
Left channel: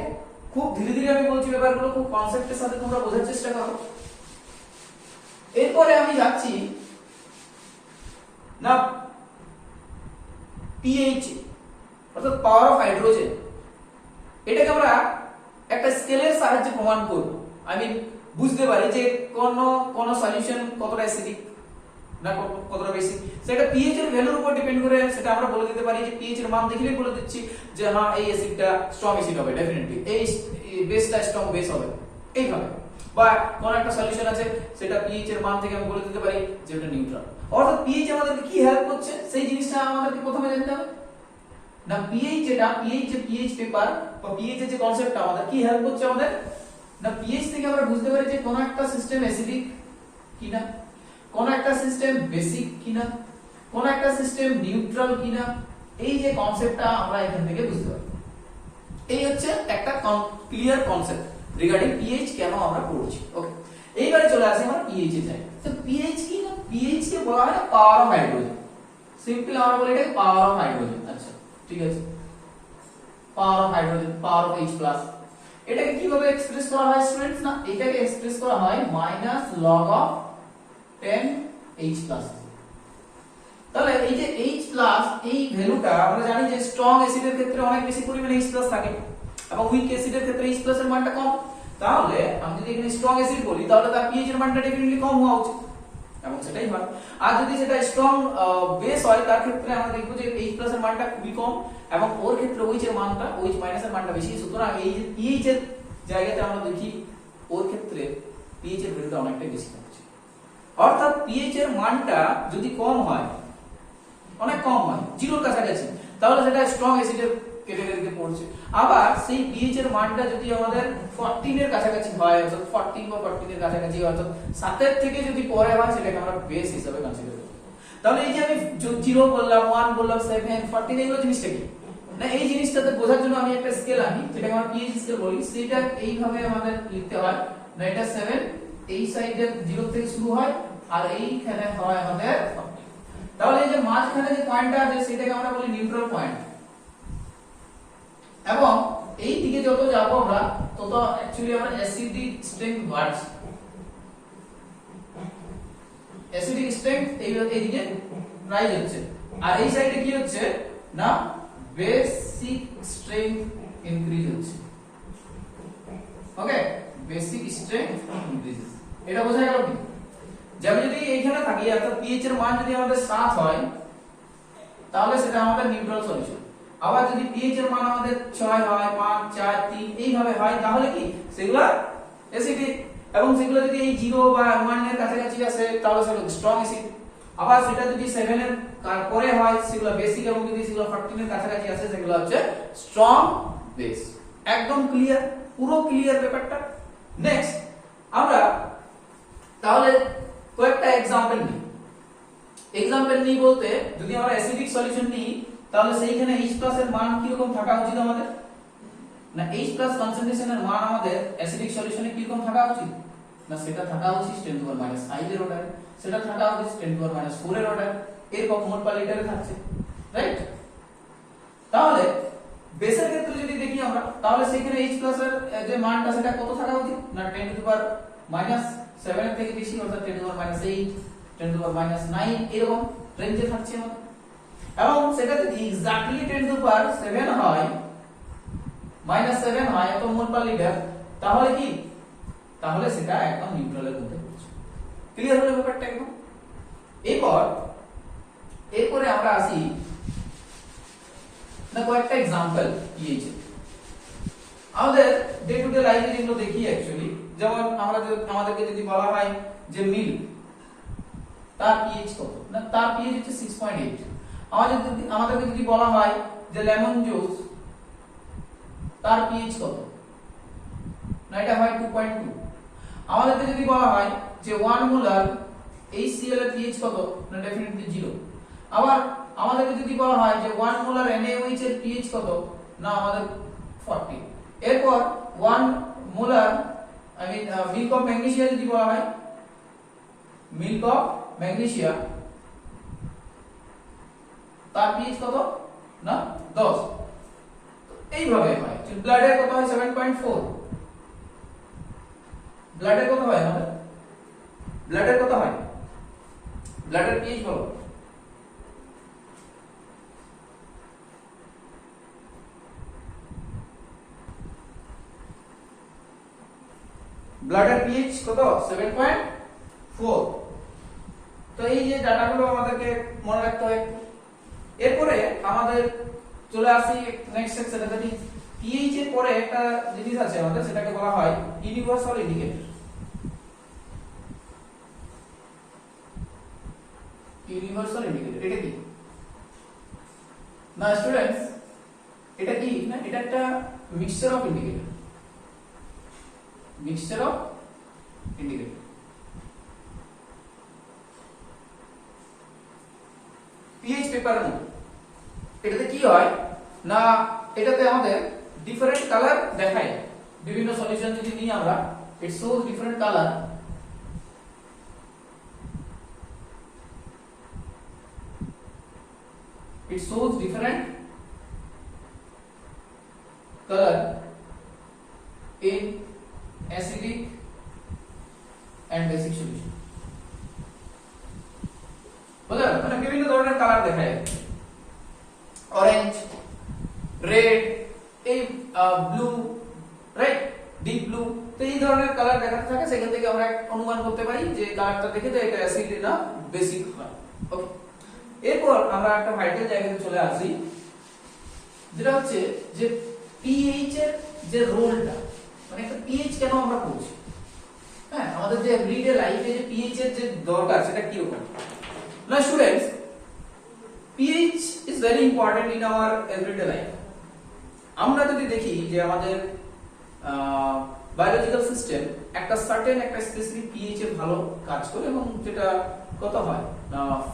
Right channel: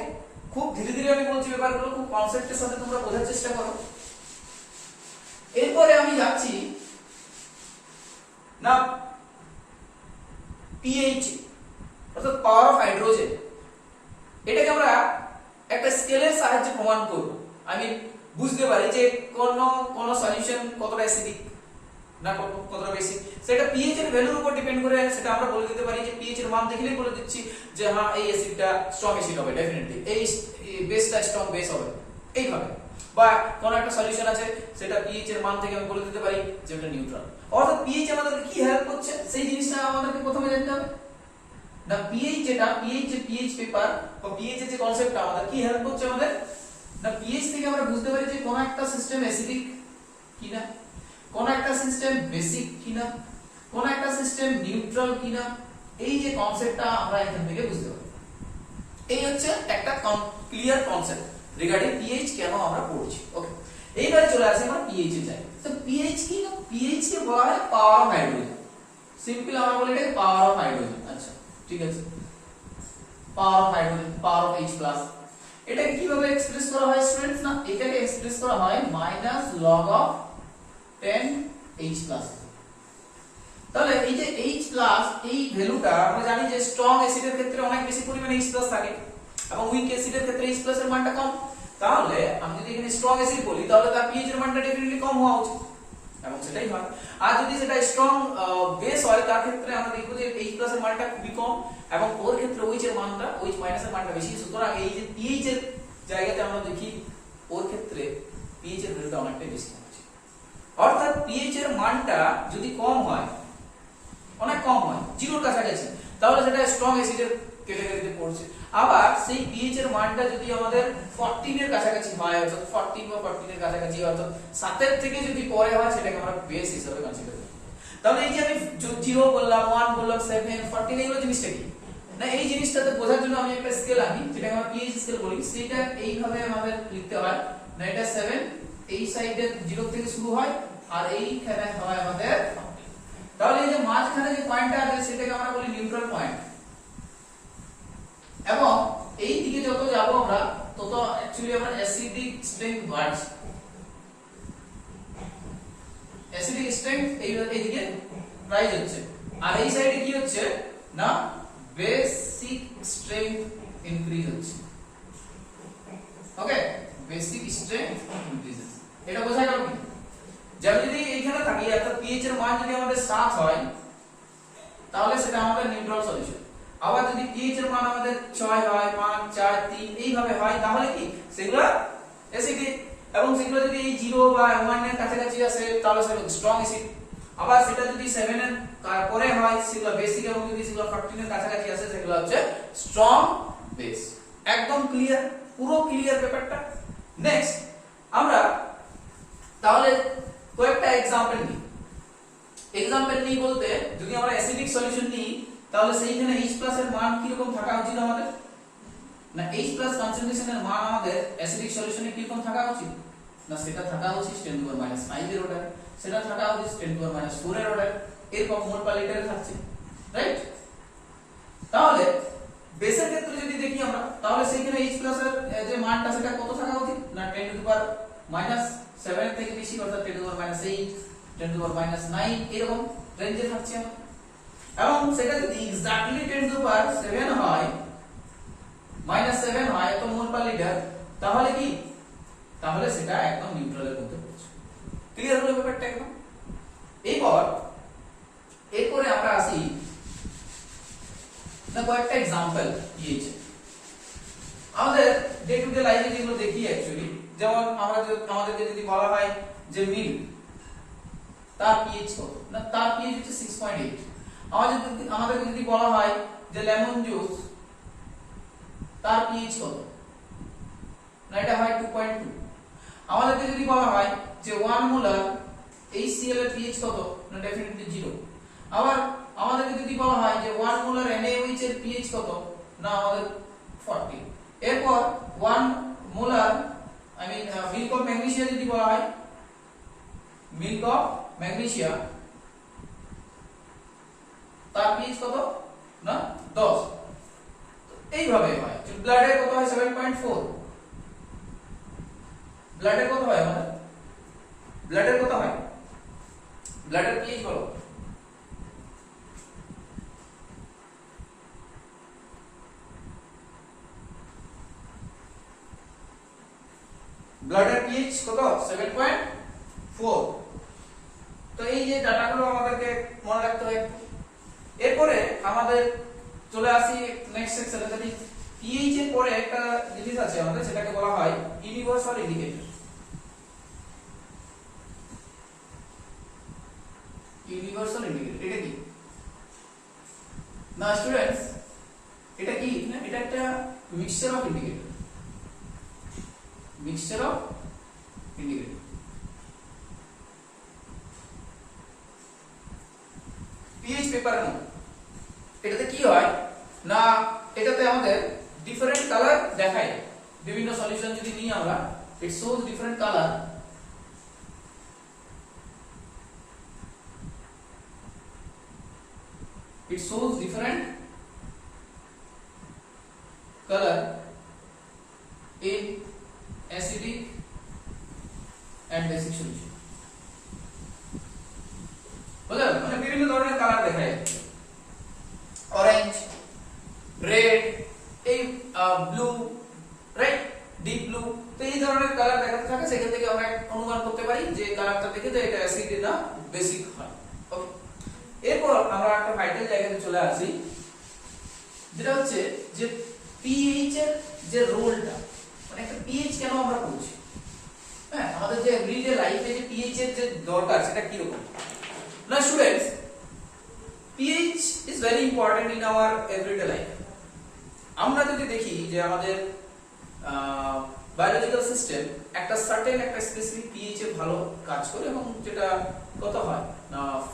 খুব ধীরে ধীরে আমি বলছি ব্যাপারগুলো, খুব কনসেপ্টের সাথে তোমরা বোঝার চেষ্টা করো। এরপরে আমি যাচ্ছি না পিএইচ, অর্থাৎ পাওয়ার অফ হাইড্রোজেন। এটাকে আমরা একটা স্কেলের সাহায্যে প্রমাণ করব। আমি বুঝতে পারি যে কোন সলিউশন কতটা অ্যাসিডিক না কতটা বেসিক, সেটা পিএইচ এর ভ্যালুর উপর ডিপেন্ড করে সেটা আমরা বলে দিতে পারি যে পিএইচ এর মান দেখলেই বলে দিচ্ছি যে হ্যাঁ এই অ্যাসিডটা স্ট্রং অ্যাসিড হবে ডেফিনেটলি, এই বেসটা স্ট্রং বেস হবে এইভাবে। বা কোন একটা সলিউশন আছে সেটা পিএইচ এর মান থেকে আমি বলে দিতে পারি যে এটা নিউট্রাল। অর্থাৎ পিএইচ আমাদেরকে কি হেল্প করছে সেই জিনিসটা আমাদেরকে প্রথমে জানতে হবে না। পিএইচ যে পিএইচ পেপার বা পিএইচ এর যে কনসেপ্টটা আমাদের কি হেল্প করছে আমাদের না, পিএইচ থেকে আমরা বুঝতে পারি যে কোন একটা সিস্টেম অ্যাসিডিক কিনা, কোন একটা সিস্টেম বেসিক কিনা, কোন একটা সিস্টেম নিউট্রাল কিনা, এই যে কনসেপ্টটা আমরা এখান থেকে বুঝতে পারি। এই হচ্ছে একটা ক্লিয়ার কনসেপ্ট রিগার্ডিং পিএইচ কেন আমরা পড়ছি। ওকে, এইবারে চলে আসি আমরা পিএইচ এ যাই। তো পিএইচ কি না, পিএইচ কে বলা হয় পাওয়ার অফ হাইড্রোজেন। সিম্পল আমরা বলি এটা পাওয়ার অফ হাইড্রোজেন। আচ্ছা ঠিক আছে, power of hydrogen, power of H+। এটাকে কিভাবে এক্সপ্রেস করা হয় স্টুডেন্টস? না এটাকে এক্সপ্রেস করা হয় -log of 10H+। তাহলে এই যে H+ এই ভ্যালুটা আমরা জানি যে স্ট্রং অ্যাসিডের ক্ষেত্রে অনেক বেশি পরিমাণে H+ থাকে এবং উইক অ্যাসিডের ক্ষেত্রে H+ এর মানটা কম। তাহলে আমি যদি এখানে স্ট্রং অ্যাসিড বলি তাহলে তার pH এর মানটা ডেফিনেটলি কম হওয়া উচিত এবং সেটাই হয়। আর যদি সেটা স্ট্রং বেস হয় তার ক্ষেত্রে আমরা দেখব যে H+ এর মানটা খুবই কম এবং ওর ক্ষেত্রে OH এর মানটা OH- এর মানটা বেশি। সুতরাং এই যে pH এর জায়গাতে আমরা দেখি ওর ক্ষেত্রে pH এর ভ্যালুটা অনেকটা বেশি থাকছে। অর্থাৎ pH এর মানটা যদি কম হয়, অনেক কম হয়, 0 এর কাছাকাছি, তাহলে সেটা স্ট্রং অ্যাসিডের ক্যাটাগরিতে পড়ছে। আবার সেই pH এর মানটা যদি আমাদের 14 এর কাছাকাছি হয়, অর্থাৎ 14 বা 14 এর কাছাকাছি, অর্থাৎ 7 এর থেকে যদি পরে হয় সেটাকে আমরা বেস হিসেবে কনসিডার করি। তাহলে এই যে আমি 0 বললাম, 1 বললাম, 7, 14 এগুলো জিনিসটা কি না, এই জিনিসটাতে বোঝার জন্য আমি একটা স্কেল আনি যেটাকে আমরা pH স্কেল বলি। সেটা এইভাবে আমাদের লিখতে হয় না, এটা 7, এই সাইডে 0 থেকে শুরু হয় আর এইখানে হয় আমাদের। তাহলে এই যে মাঝখানে যে পয়েন্টটা আছে সেটাকে আমরা বলি নিউট্রাল পয়েন্ট, এবং এই দিকে যত যাব আমরা তত অ্যাকচুয়ালি আমরা অ্যাসিডিক স্ট্রেংথ বাড়ছে, অ্যাসিডিক স্ট্রেংথ এইদিকে রাইজ হচ্ছে। আর এই সাইডে কি হচ্ছে না, বেসিক স্ট্রেংথ ইনক্রিজ হচ্ছে। ওকে, বেসিক স্ট্রেংথ ইনক্রিজেস। এটা বোঝা গেল কি? যেমন যদি এইখানে থাকি অর্থাৎ pH এর মান যদি আমাদের 7 হয় তাহলে সেটা আমাদের নিউট্রাল সলিউশন। আবার যদি pH এর মান আমাদের 6 হয়, 5, 4, 3 এইভাবে হয় তাহলে কি সেগুলো অ্যাসিডিক, এবং সেগুলো যদি এই 0 বা 1 এর কাছাকাছি আসে তাহলে সেগুলো স্ট্রং অ্যাসিড। আবার সেটা যদি 7 এর পরে হয় সেগুলো বেসিক, এবং যদি সেগুলো 14 এর কাছাকাছি আসে সেগুলো হচ্ছে স্ট্রং বেস। একদম ক্লিয়ার, পুরো ক্লিয়ার ব্যাপারটা। নেক্সট আমরা তাহলে কয়েকটা एग्जांपल নিই। एग्जांपल নিই বলতে যদি আমরা অ্যাসিডিক সলিউশন নিই তাহলে সেইখানে H+ এর মান কি রকম থাকা উচিত আমাদের না H প্লাস কনসেন্ট্রেশনের মান আমাদের অ্যাসিডিক সলিউশনে কি রকম থাকা উচিত, না সেটা থাকা উচিত 10 টু পাওয়ার -5 এর অর্ডার, সেটা থাকা উচিত 10 টু পাওয়ার -4 এর অর্ডার, এরকম মোল পার লিটারে থাকছে, রাইট? তাহলে বেসের ক্ষেত্রে যদি দেখি আমরা, তাহলে সেখানে H প্লাস এর যে মানটা সেটা কত থাকা উচিত, না 10 টু পাওয়ার -7 এর থেকে বেশি, অর্থাৎ 10 টু পাওয়ার -8, 10 টু পাওয়ার -9 এরকম রেঞ্জে থাকছে আমাদের। এবং সেটা যদি এক্স্যাক্টলি 10 টু পাওয়ার 7 হয়, -7 হয় এত মোল পার লিটার, তাহলে কি, তাহলে সেটা একদম নিউট্রালের মধ্যে পড়ছে। ক্লিয়ার হলো ব্যাপারটা একদম? এরপরে আমরা আসি না কয়েকটা एग्जांपल পিএইচ। আমাদের ডে টু ডে লাইফে যেগুলো দেখি অ্যাকচুয়ালি, যেমন আমাদেরকে যদি বলা হয় যে মিল্ক, তার পিএইচ কত, না তার পিএইচ হচ্ছে 6.8। আমাদেরকে যদি বলা হয় যে লেমন জুস, তার পিএইচ কত, না এটা হয় 2.2। আমাদেরকে যদি বলা হয় যে 1 মোলার HCl এর পিএইচ কত, না ডেফিনেটলি 0। আবার আমাদেরকে যদি বলা হয় যে 1 মোলার NaOH এর পিএইচ কত, না আমাদের 40। এরপর 1 মোলার মিল্ক অফ ম্যাগনেসিয়া যদি বলা হয়, মিল্ক অফ ম্যাগনেসিয়া তার পিএইচ কত, না 10। এইভাবে হয়। ব্লাডের কত হয় 7.4। ব্লাডের কত হয় আমাদের, ব্লাডের কত হয়, ব্লাডের পিএইচ বলো। ব্লাডের পিএইচ কত, 7.4। তো এই যে ডাটাগুলো আমাদেরকে মনে রাখতে হয়। এরপরে আমাদের চলে আসি নেক্সট সেকশনে, যেটি পিএইচ এর পরে একটা জিনিস আছে আমাদের, সেটাকে বলা হয় ইউনিভার্সাল ইন্ডিকেটর। ইউনিভার্সাল ইন্ডিকেটর এটা কি, না স্টুডেন্টস এটা কি, না এটা একটা mixture of indicator, mixture of indicator. PH পেপারের মতো এটাতে কি হয়, না এটাতে আমাদের ডিফারেন্ট কালার দেখায়। বিভিন্ন সলিউশন যদি নিই আমরা, it shows different colour, it shows different color in acidic and basic solution। বুঝলে, মানে বিভিন্ন ধরনের কালার দেখায়, অরেঞ্জ, রেড, এই ব্লু, রাইট, ডিপ ব্লু। তো এই ধরনের কালার দেখাতে থাকে, সেখান থেকে আমরা অনুমান করতে পারি যে কালারটা দেখে যে এটা অ্যাসিড না বেসিক হয়। ওকে, এরপর আমরা একটা ভাইটাল জায়গাতে চলে আসি, যেটা হচ্ছে যে পিএইচ এর যে রোলটা, মানে একটা পিএইচ কেন আমরা পড়ছি, হ্যাঁ আমাদের যে এভরিডে লাইফে যে পিএইচ এর যে দরকার সেটা কি রকম। না students, pH is very important in our everyday life. আমরা যদি দেখি যে আমাদের বায়োলজিক্যাল সিস্টেম একটা সার্টেন একটা স্পেসিফিক পিএইচ এ ভালো কাজ করে, এবং যেটা কত হয়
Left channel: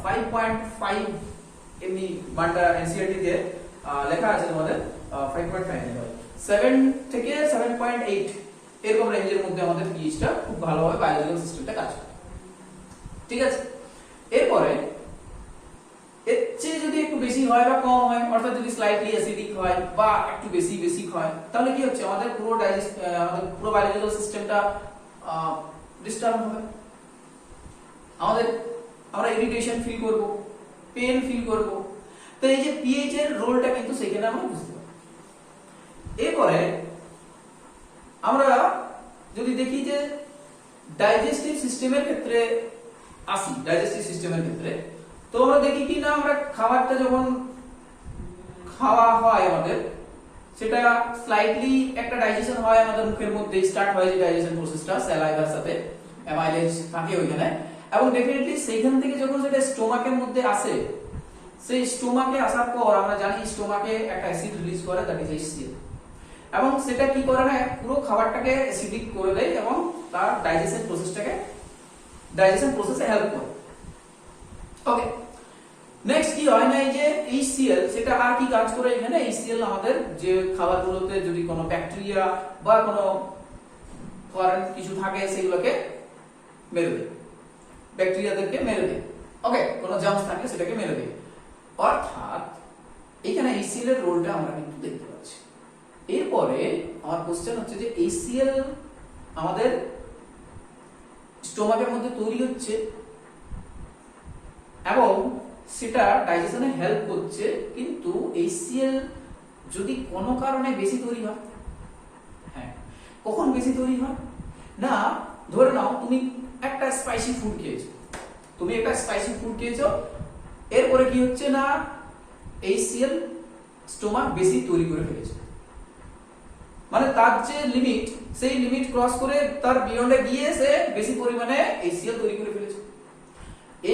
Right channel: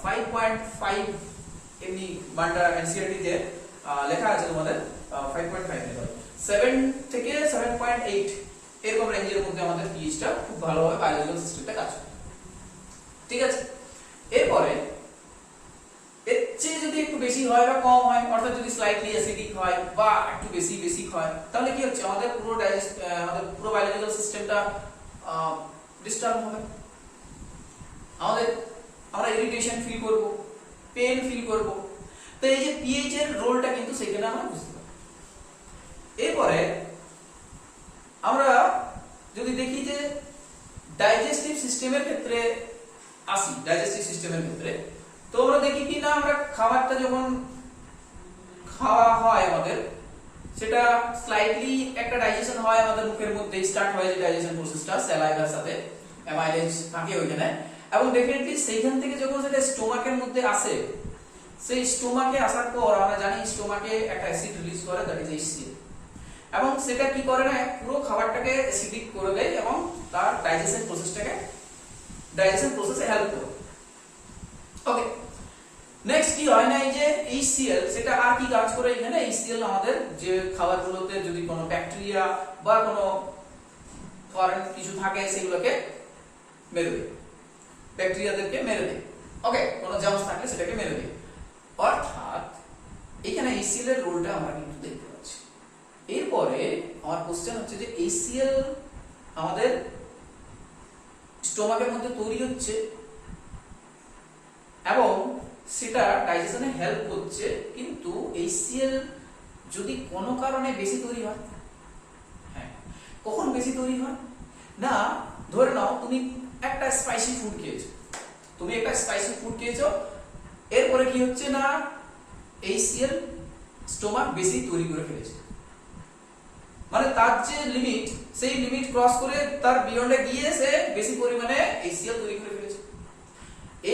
5.5 এমনি মানটা এনসিইআরটি তে লেখা আছে আমাদের 5.5 এর হয়, 7 থেকে 7.8 এরকম রেঞ্জের মধ্যে আমাদের পিএইচটা খুব ভালোভাবে বায়োলজিক্যাল সিস্টেমটা কাজ করে। ঠিক আছে, এরপরে এর চেয়ে যদি একটু বেশি হয় বা কম হয়, অর্থাৎ যদি স্লাইটলি অ্যাসিডিক হয় বা একটু বেশি বেসিক হয়, তাহলে কি হচ্ছে আমাদের পুরো বায়োলজিক্যাল সিস্টেমটা ডিস্টার্ব হবে। আমরা ইরিটেশন ফিল করব, পেন ফিল করব। তো এই যে পিএইচ এর রোলটা কিন্তু সেখানে আমরা বুঝতে পারি। এরপরে আমরা যদি দেখি যে ডাইজেস্টিভ সিস্টেমের ক্ষেত্রে আসি, ডাইজেস্টিভ সিস্টেমের ক্ষেত্রে তো আমরা দেখি কি না, আমরা খাবারটা যখন খাওয়া হয় আমাদের, সেটা স্লাইটলি একটা ডাইজেশন হয় আমাদের মুখের মধ্যে, স্টার্ট হয় যে ডাইজেশন প্রসেসটা স্যালাইভার সাথে, অ্যামাইলেজ থাকে ওইখানে, এবং ডেফিনেটলি সেইখান থেকে যখন সেটা স্টোমাকের মধ্যে আসে, সেই স্টোমাকে আসার পর আমরা জানি স্টোমাকে একটা অ্যাসিড রিলিজ করে, দ্যাট ইজ HCl, এবং সেটা কি করে না পুরো খাবারটাকে অ্যাসিডিক করে দেয় এবং তার ডাইজেশন প্রসেসে হেল্প করে। ওকে, নেক্সট কি হয় না, এই যে HCl সেটা আর কি কাজ করে এখানে, HCl আমাদের যে খাবারগুলোতে যদি কোনো ব্যাকটেরিয়া বা কোনো ফরেন কিছু থাকে সেগুলোকে মেরে দেয়, ব্যাকটেরিয়াদেরকে মেরে দেয়। ওকে, কোনো জার্মস থাকলে সেটাকে মেরে দেয়। অর্থাৎ এখানে HCl এর রোলটা আমরা কিন্তু দেখতে পাচ্ছি। এরপরে আমার কোশ্চেন হচ্ছে যে HCl আমাদের স্টোমাকের মধ্যে তৈরি হচ্ছে এবং সেটা ডাইজেশনে হেল্প করছে, কিন্তু HCl যদি কোনো কারণে বেশি তৈরি হয়, হ্যাঁ কখন বেশি তৈরি হয় না, ধরে নাও তুমি একটা স্পাইসি ফুড খেয়েছো, এরপরে কি হচ্ছে না HCl স্টোমাক বেশি তৈরি করে ফেলেছে, মানে তার যে লিমিট সেই লিমিট ক্রস করে তার বিয়ন্ডে গিয়ে সে বেশি পরিমাণে HCl তৈরি করে ফেলেছে।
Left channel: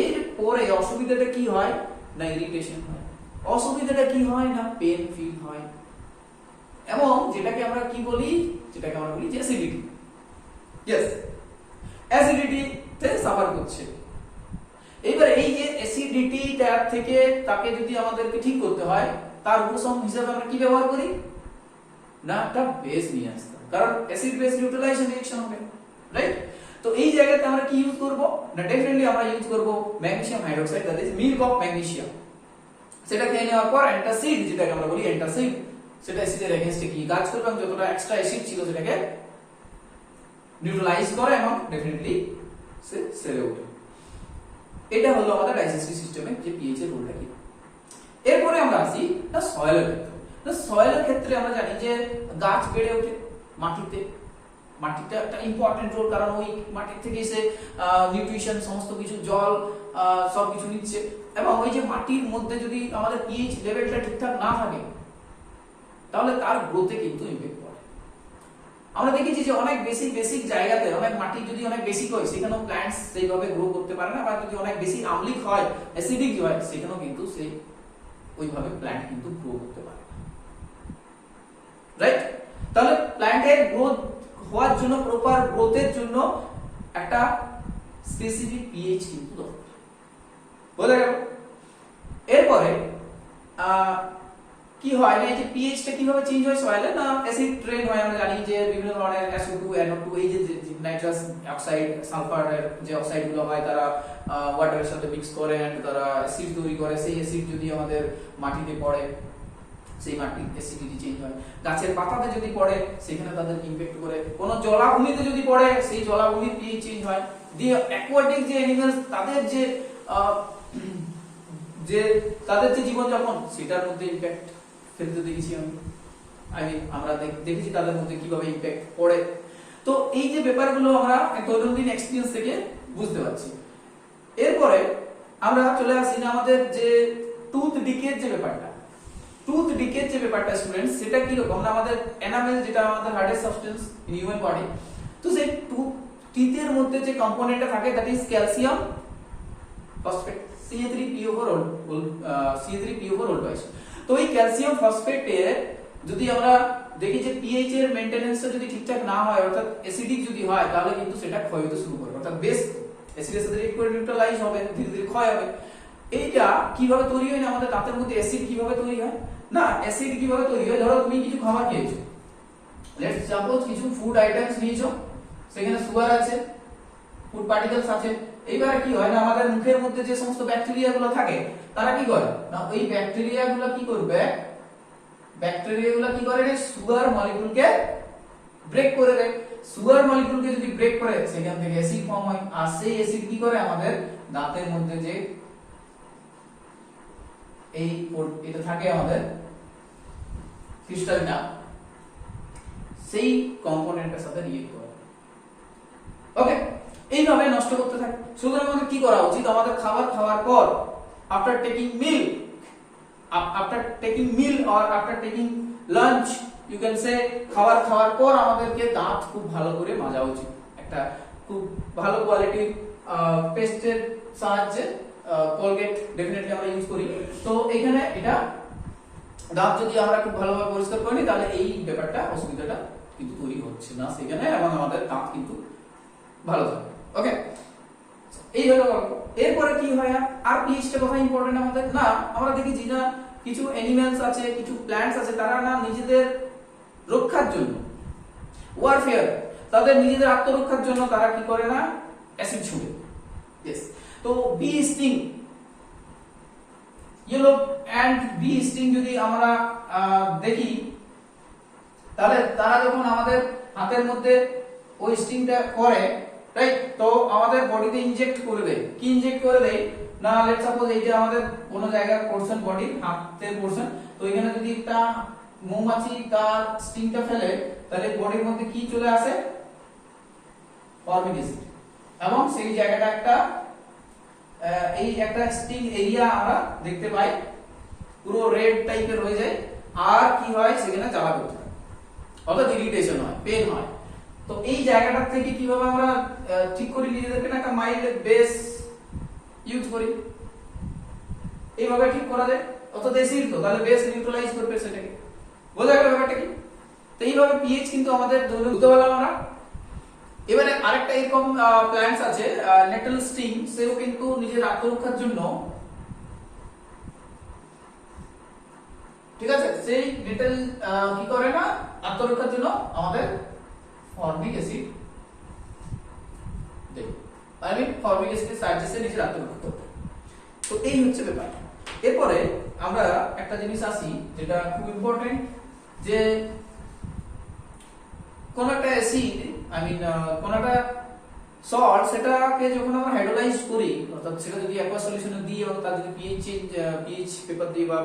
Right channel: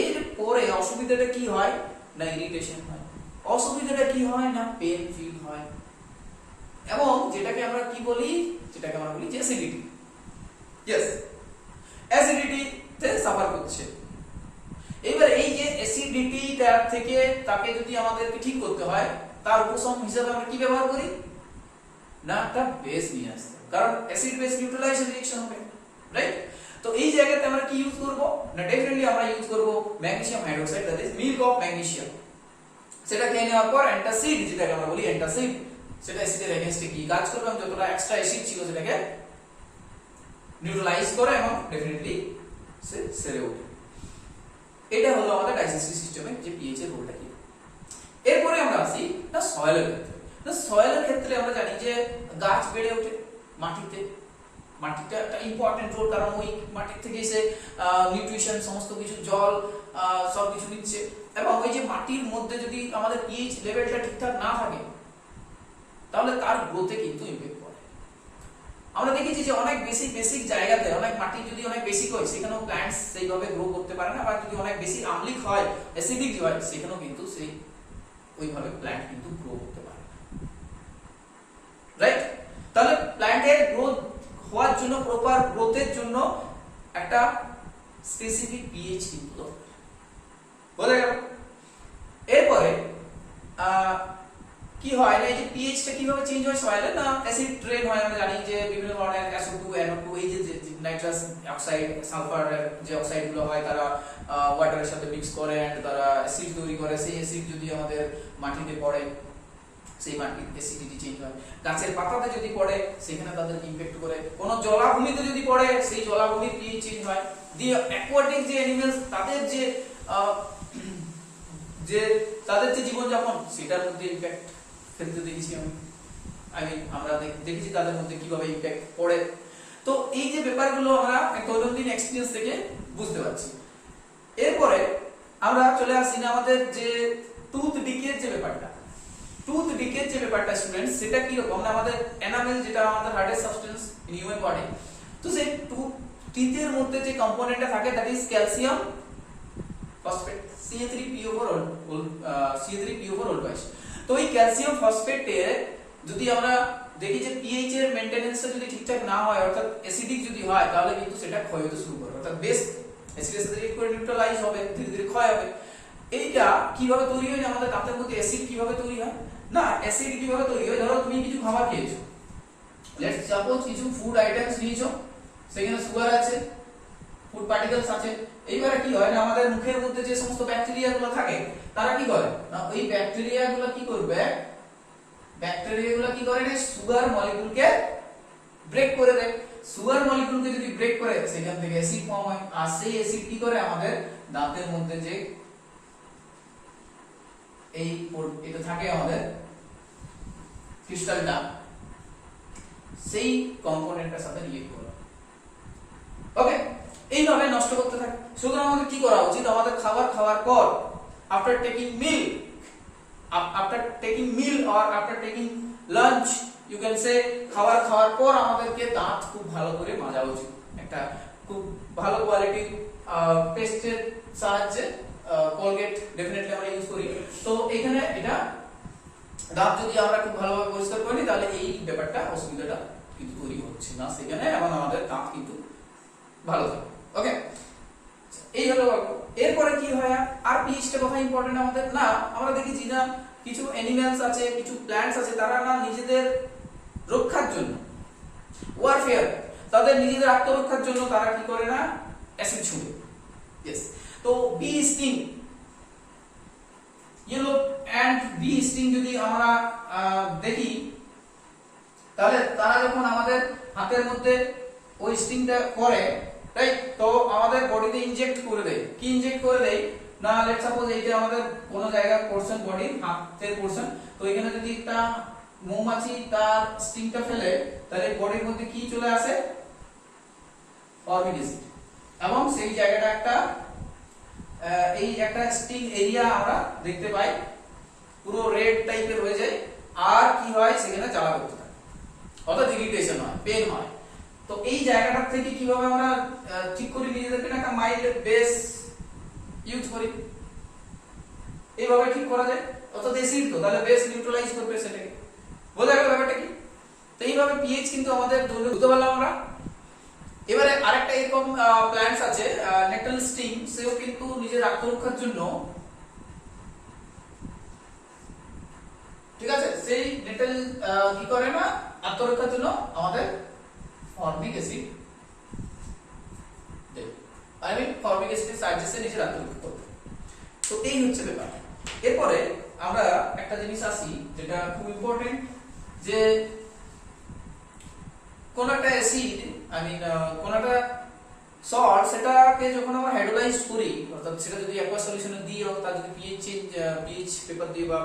এরপরে অসুবিধাটা কি হয় না ইরিটেশন হয়, অসুবিধাটা কি হয় না পেন ফিল হয়, এবং যেটাকে আমরা কি বলি, যেটাকে আমরা বলি যে অ্যাসিডিটি, ইয়েস অ্যাসিডিটিতে সাফার করছে। এবার এই যে অ্যাসিডিটিটা থেকে তাকে যদি আমাদেরকে ঠিক করতে হয়, তার উপশম হিসেবে আমরা কি ব্যবহার করি না একটা বেস নিয়ে আসতে, কারণ অ্যাসিড বেস নিউট্রালাইজেশন রিঅ্যাকশন হবে, রাইট? তো এই জায়গাতে আমরা কি ইউজ করব না, ডেফিনেটলি আমরা ইউজ করব magnesium hydroxide, that is milk of magnesium. সেটা খেয়ে নেওয়ার পর অ্যান্টাসিড, যেটাকে আমরা বলি অ্যান্টাসিড, সেটা অ্যাসিডের এগেইনস্টে কি কাজ করবে এবং যতটা এক্সট্রা অ্যাসিড ছিল সেটাকে নিউট্রালাইজ করে এবং ডেফিনেটলি সে সেরে ওঠে। এটা হলো আমাদের ডাইজেস্টিভ সিস্টেমে যে পিএইচ এর রোলটা কি। এরপরে আমরা আসি না সয়েলের ক্ষেত্রে। না সয়েলের ক্ষেত্রে আমরা জানি যে গাছ বেড়ে ওঠে মাটিতে, মাটিটা একটা ইম্পর্টেন্ট রোল, কারণ ওই মাটির থেকে এসে নিউট্রিশন সমস্ত কিছু জল সব কিছু নিচ্ছে, এবং ওই যে মাটির মধ্যে যদি আমাদের পিএইচ লেভেলটা ঠিকঠাক না থাকে তাহলে তার গ্রোথে কিন্তু ইমপ্যাক্ট পড়ে। আমরা দেখেছি যে অনেক বেসিক জায়গাতে অনেক মাটি যদি অনেক বেসিক হয় সেখানেও প্ল্যান্টস সেইভাবে গ্রো করতে পারে না, বা যদি অনেক বেশি আম্লিক হয় অ্যাসিডিক হয় সেখানেও কিন্তু সেই ওইভাবে প্ল্যান্ট কিন্তু গ্রো করতে পারে, রাইট? তাহলে প্ল্যান্টের গ্রোথ হওয়ার জন্য, প্রপার গ্রোথের জন্য একটা স্পেসিফিক পিএইচ কিন্তু দরকার, বোঝা গেল? এরপরে কি হয় না, এই যে পিএইচটা কিভাবে চেঞ্জ হয় সয়েলে না অ্যাসিড ট্রেন হয়, আমরা জানি যে বিভিন্ন ধরনের SO2 NO2 এই যে নাইট্রাস অক্সাইড সালফারের যে অক্সাইড গুলো হয় তারা ওয়াটারের সাথে মিক্স করে এন্ড তারা অ্যাসিড তৈরি করে। সেই অ্যাসিড যদি আমাদের মাটিতে পড়ে সেই মাটির অ্যাসিডিটি চেঞ্জ হয়, গাছের পাতাতে যদি পড়ে সেখানে তাদের ইমপ্যাক্ট করে, কোন জলাভূমিতে যদি পড়ে সেই জলাভূমির পিএইচ চেঞ্জ হয়। দিয়ে অ্যাকোয়াটিক যে অ্যানিমালস তাদের যে জীবনযাপন সেটার মধ্যে ইমপ্যাক্ট ফেলতে দেখেছি আমরা দেখেছি তাদের মধ্যে কিভাবে ইমপ্যাক্ট পড়ে। তো এই যে ব্যাপারগুলো আমরা দৈনন্দিন এক্সপেরিয়েন্স থেকে বুঝতে পারছি। এরপরে আমরা চলে আসি না আমাদের যে টুথ ডিকের যে ব্যাপারটা স্টুডেন্টস, সেটা কি রকম না আমাদের এনামেল যেটা আমাদের hardest substance in human body, তো সেই টিথের মধ্যে যে কম্পোনেন্টটা থাকে that is calcium phosphate CA3PO4 ওল্ড বাইস। তো এই ক্যালসিয়াম ফসফেটে যদি আমরা দেখি যে পিএইচ এর মেইনটেনেন্সটা যদি ঠিকঠাক না হয়, অর্থাৎ অ্যাসিডিক যদি হয়, তাহলে কিন্তু সেটা ক্ষয় হতে শুরু করে, অর্থাৎ বেস অ্যাসিডের সাথে রিঅ্যাক্ট করে নিউট্রালাইজ হবে, ধীরে ধীরে ক্ষয় হবে। এইটা কিভাবে তৈরি হয় না, আমাদের দাঁতের মধ্যে অ্যাসিড কিভাবে তৈরি হয় না, অ্যাসিড কিভাবে তৈরি হয়, ধরো তুমি কিছু খাবার খেয়েছো, লেটস সাপোজ কিছু ফুড আইটেমস নিয়েছো, সেখানে সুগার আছে, ফুড পার্টিকেলস আছে। এইবারে কি হয় না আমাদের মুখের মধ্যে যে সমস্ত ব্যাকটেরিয়াগুলো থাকে তারা কি করে না ওই ব্যাকটেরিয়াগুলো কি করে না সুগার মলিকিউলকে ব্রেক করে দেয়। সুগার মলিকিউলকে যদি ব্রেক করে সেখান থেকে অ্যাসিড ফর্ম হয়, আর সেই অ্যাসিড কি করে আমাদের দাঁতের মধ্যে যে এটা থাকে আমাদের ক্রিস্টালটা, সেই কম্পোনেন্টের সাথে রিঅ্যাক্ট করে, ওকে, এইভাবে নষ্ট করতে থাকে। সুতরাং আমাদের কি করা উচিত, আমাদের খাবার খাওয়ার পর after taking meal or after taking lunch, you can say খাবার খাওয়ার পর আমাদেরকে দাঁত খুব ভালো করে মাজা উচিত, একটা খুব ভালো কোয়ালিটির পেস্টের সাহায্যে, কোলগেট ডেফিনেটলি আমরা ইউজ করি। তো এখানে এটা দাঁত যদি আমরা খুব ভালোভাবে পরিষ্কার করি তাহলে এই ব্যাপারটা অসুবিধাটা কিন্তু তৈরি হচ্ছে না সেখানে, এবং আমাদের দাঁত কিন্তু ভালো থাকে, ওকে। এই হলো গল্প। এরপরে কি হয় আর পিএইচটা কথা ইম্পর্টেন্ট আমাদের না, আমরা দেখি যে না কিছু অ্যানিমালস আছে, কিছু প্ল্যান্টস আছে, তারা না নিজেদের রক্ষার জন্য, ওয়ারফেয়ার, তাদের নিজেদের আত্মরক্ষার জন্য তারা কি করে না অ্যাসিড ছুড়ে। ইয়েস, তো bee sting, yellow and bee sting যদি আমরা দেখি, তাহলে তারা যখন আমাদের হাতের মধ্যে ওই স্টিংটা করে, রাইট, তো আমাদের বডিতে ইনজেক্ট করে দেয়। কি ইনজেক্ট করে দেয় না, লেটস সাপোজ এই যে আমাদের কোনো জায়গা পোরশন, বডি হাতের পোরশন, তো এখানে যদি একটা মৌমাছি তার স্টিংটা ফেলে, তাহলে বডির মধ্যে কি চলে আসে, ফর্মিক অ্যাসিড, এবং সেই জায়গাটা একটা এই একটা স্টিং এরিয়া আমরা দেখতে পাই, পুরো রেড টাইপের হয়ে যায়, আর কি হয় সেখানে জ্বালা করতে থাকে, অর্থাৎ ইরিটেশন হয়, পেন হয়। তো এই জায়গাটা থেকে কিভাবে আমরা ঠিক করি নিজেদেরকে, না একটা মাইল্ড বেস ইউজ করি, এইভাবে ঠিক করা যায়। অর্থাৎ অ্যাসিড তো তাহলে বেস নিউট্রালাইজ করবে সেটাকে, বোঝা গেল ব্যাপারটা কি। তো এইভাবে পিএইচ কিন্তু আমাদের বুঝতে পারলাম আমরা। এবারে আরেকটা এরকম প্ল্যান্টস আছে নেটল স্টিং, সেও কিন্তু নিজের আত্মরক্ষার জন্য, ঠিক আছে, সেই নেটল কি করে না আত্মরক্ষার জন্য আমাদের ফর্মিক অ্যাসিড দেয়, ফর্মিক অ্যাসিডের সাহায্যে নিজের আত্মরক্ষা করতে। তো এই হচ্ছে ব্যাপার। এরপরে আমরা একটা জিনিস আসি যেটা খুব ইম্পর্টেন্ট, যে কোন একটা অ্যাসিড কোন একটা সল্ট, সেটাকে যখন আমরা হাইড্রোলাইজ করি, অর্থাৎ সেটা যদি অ্যাকোয়াস সলিউশনে দিই এবং তার যদি পিএইচ পেপার দিই বা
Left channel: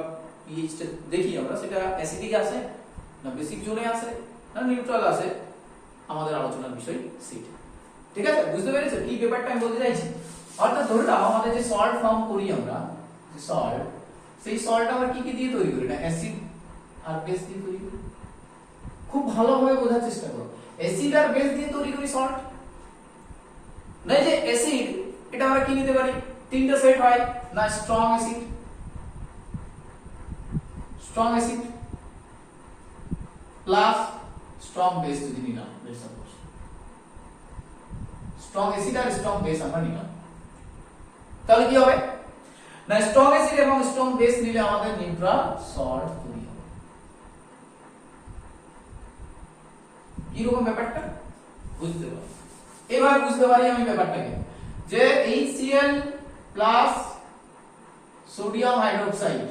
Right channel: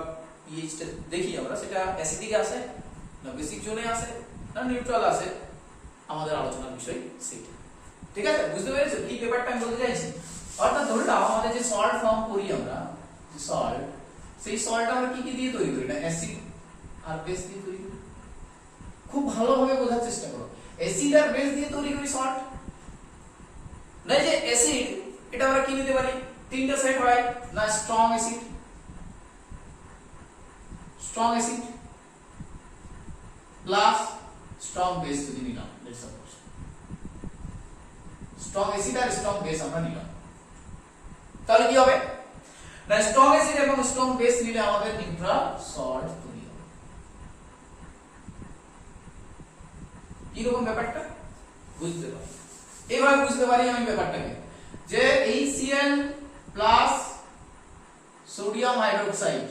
পিএইচটা দেখি আমরা, সেটা অ্যাসিডিক আসে না বেসিক জোনে আসে না নিউট্রাল আসে, আমাদের আলোচনার বিষয় সেটা। ঠিক আছে, বুঝতে পেরেছো কি ব্যাপারটা আমি বলতে চাইছি? অর্থাৎ ধরলাম আমাদের যে সল্ট ফর্ম করি আমরা, যে সল্ট, সেই সল্ট আমরা কি কি দিয়ে তৈরি করি, না অ্যাসিড আর বেস দিয়ে তৈরি করি। খুব ভালোভাবে বোঝার চেষ্টা করো, অ্যাসিড আর বেস দিয়ে তৈরি করি সল্ট। না যে অ্যাসিড, এটা আমরা কি নিতে পারি, তিনটা সেট হয় না, strong acid plus strong base যদি নিলাম, লেটস সাপোজ স্ট্রং অ্যাসিড আর স্ট্রং বেস আমরা নিলাম, তাহলে কি হবে না, স্ট্রং অ্যাসিড এবং স্ট্রং বেস নিলে আমাদের নিউট্রাল সল্ট তৈরি হবে। কি রকম ব্যাপারটা বুঝতে পারি? এইভাবে বুঝতে পারি আমি ব্যাপারটাকে, যে HCl প্লাস সোডিয়াম হাইড্রোক্সাইড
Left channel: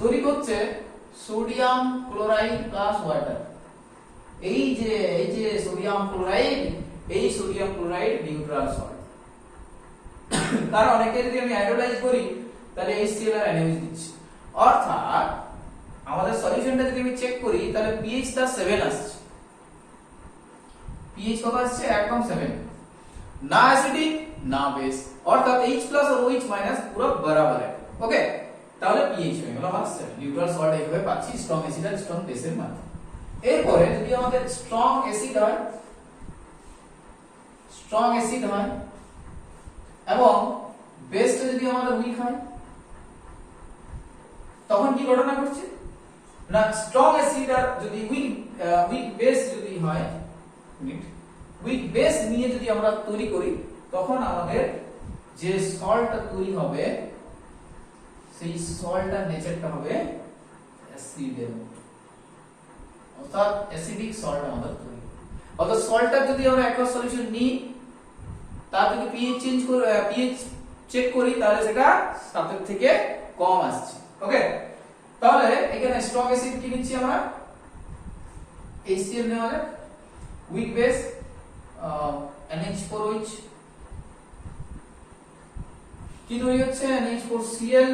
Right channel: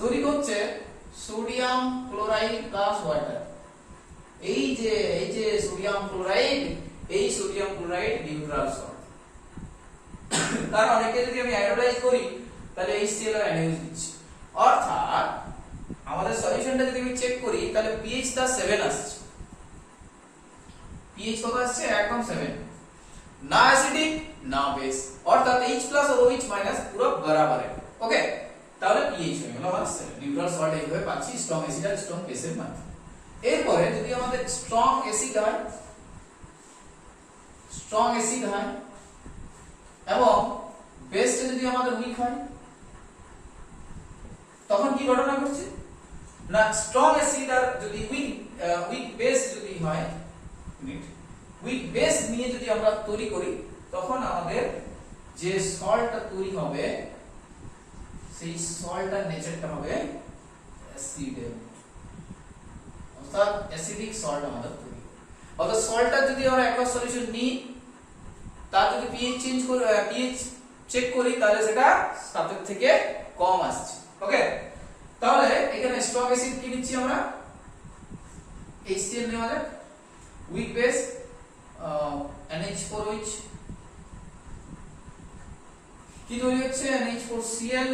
তৈরি করছে সোডিয়াম ক্লোরাইড প্লাস ওয়াটার। এই যে সোডিয়াম ক্লোরাইড, এই সোডিয়াম ক্লোরাইড নিউট্রাল সল্ট। কারণ অনেকে যদি আমি হাইড্রোলাইজ করি তাহলে HCl আর NaOH দিচ্ছি, অর্থাৎ আমাদের সলিউশনটা যদি আমি চেক করি তাহলে pH টা 7 আসছে, pH কত আসছে একদম 7, না অ্যাসিডিক না বেস, অর্থাৎ H+ আর OH- পুরো বরাবর है। ওকে, তাহলে pH হয়ে গেল আমার 7, নিউট্রাল সল্ট এইভাবে পাচ্ছি স্ট্রং অ্যাসিড আর স্ট্রং বেসের মাধ্যমে। এরপরে যদি আমাদের স্ট্রং অ্যাসিড হয় এবং বেসটা যদি আমাদের উইক হয়, তখন কি ঘটনা ঘটছে না, স্ট্রং অ্যাসিড আর যদি উইক বেস যদি হয়, উইক বেস নিয়ে যদি আমরা তৈরি করি, তখন আমাদের যে সল্টটা তৈরি হবে সেই সল্টটার নেচারটা হবে অ্যাসিডের মতো, অর্থাৎ অ্যাসিডিক সল্ট আমাদের তৈরি। অর্থাৎ সল্টটা যদি আমরা অ্যাকোয়াস সলিউশন নিই, তার যদি পিএইচ চেক করি, তাহলে সেটা 7 থেকে কম আসছে। ওকে, তাহলে এখানে স্ট্রং অ্যাসিড কি নিচ্ছি আমরা, HCl নেওয়া যাক, উইক বেস NH4OH, কি তৈরি হচ্ছে NH4Cl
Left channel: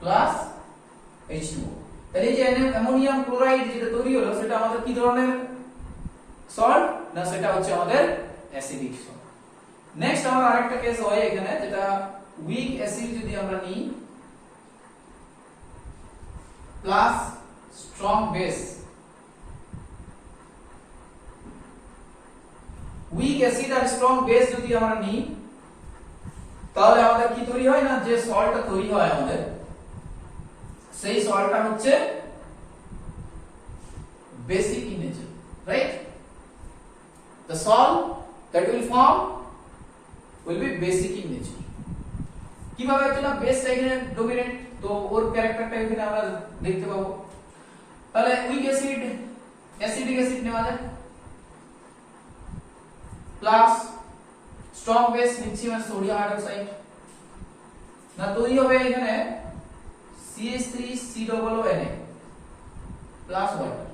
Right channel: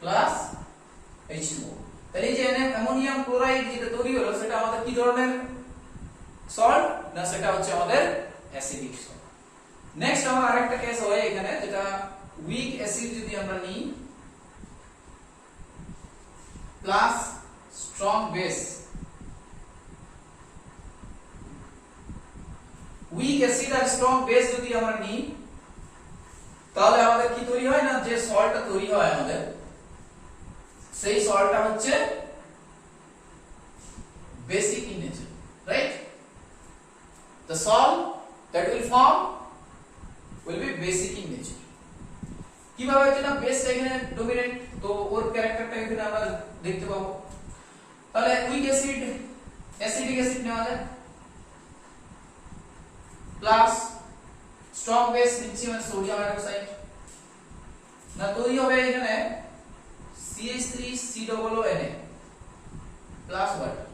প্লাস H2O। তাহলে এই যে অ্যামোনিয়াম ক্লোরাইড যেটা তৈরি হলো, সেটা আমাদের কি ধরনের সল্ট, না সেটা হচ্ছে আমাদের অ্যাসিডিক সল্ট। নেক্সট আমরা আরেকটা কেস হয় এখানে, যেটা উইক অ্যাসিড যদি আমরা নিই plus strong base, weak acid আর স্ট্রং বেস যদি আমরা নিই, তাহলে আমাদের কি তৈরি হয় না, যে সল্টটা তৈরি হয় আমাদের, সেই সল্টটা হচ্ছে basic in nature, right. The salt that will form will be basic in nature. কিভাবে হচ্ছে না বেসটা এখানে ডমিনেন্ট, তো ওর ক্যারেক্টারটা এখানে আমরা দেখতে পাবো। তাহলে উইক অ্যাসিড অ্যাসিডিক অ্যাসিড নেওয়া যায় প্লাস স্ট্রং বেস নিচ্ছি মানে সোডিয়াম হাইড্রোক্সাইড, না তৈরি হবে এখানে CH3COONA প্লাস ওয়াটার।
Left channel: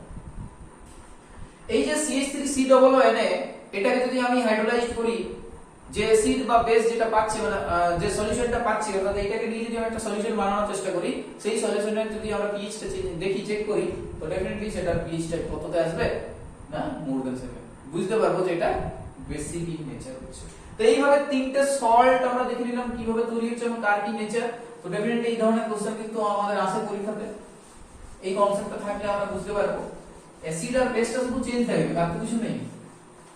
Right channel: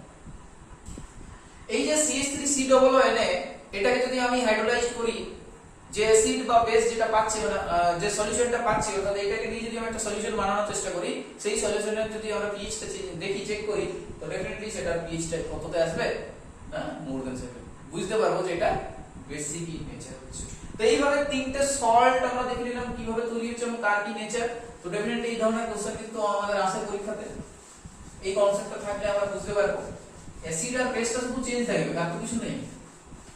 এই যে CH3COONA এটাকে যদি আমি হাইড্রোলাইজ করি, যে অ্যাসিড বা বেস যেটা পাচ্ছি মানে যে সলিউশনটা পাচ্ছি অর্থাৎ এটাকে নিয়ে যদি আমি একটা সলিউশন বানানোর চেষ্টা করি, সেই সলিউশনের যদি আমরা pH টা দেখি চেক করি, তো ডেফিনেটলি সেটার pH টা কততে আসবে না মোর দ্যান 7, বুঝতে পারবো যে এটা বেসিক ইন নেচার হচ্ছে। তো এইভাবে তিনটে সল্ট আমরা দেখে নিলাম কিভাবে তৈরি হচ্ছে এবং তার কি নেচার। তো ডেফিনেটলি এই ধরনের কোশ্চেন কিন্তু আমাদের আসে পরীক্ষাতে, এই কনসেপ্টটা থাকলে আমরা বুঝতে পারবো অ্যাসিড আর বেসটা শুধু চেঞ্জ থাকবে, আর কিছু নেই,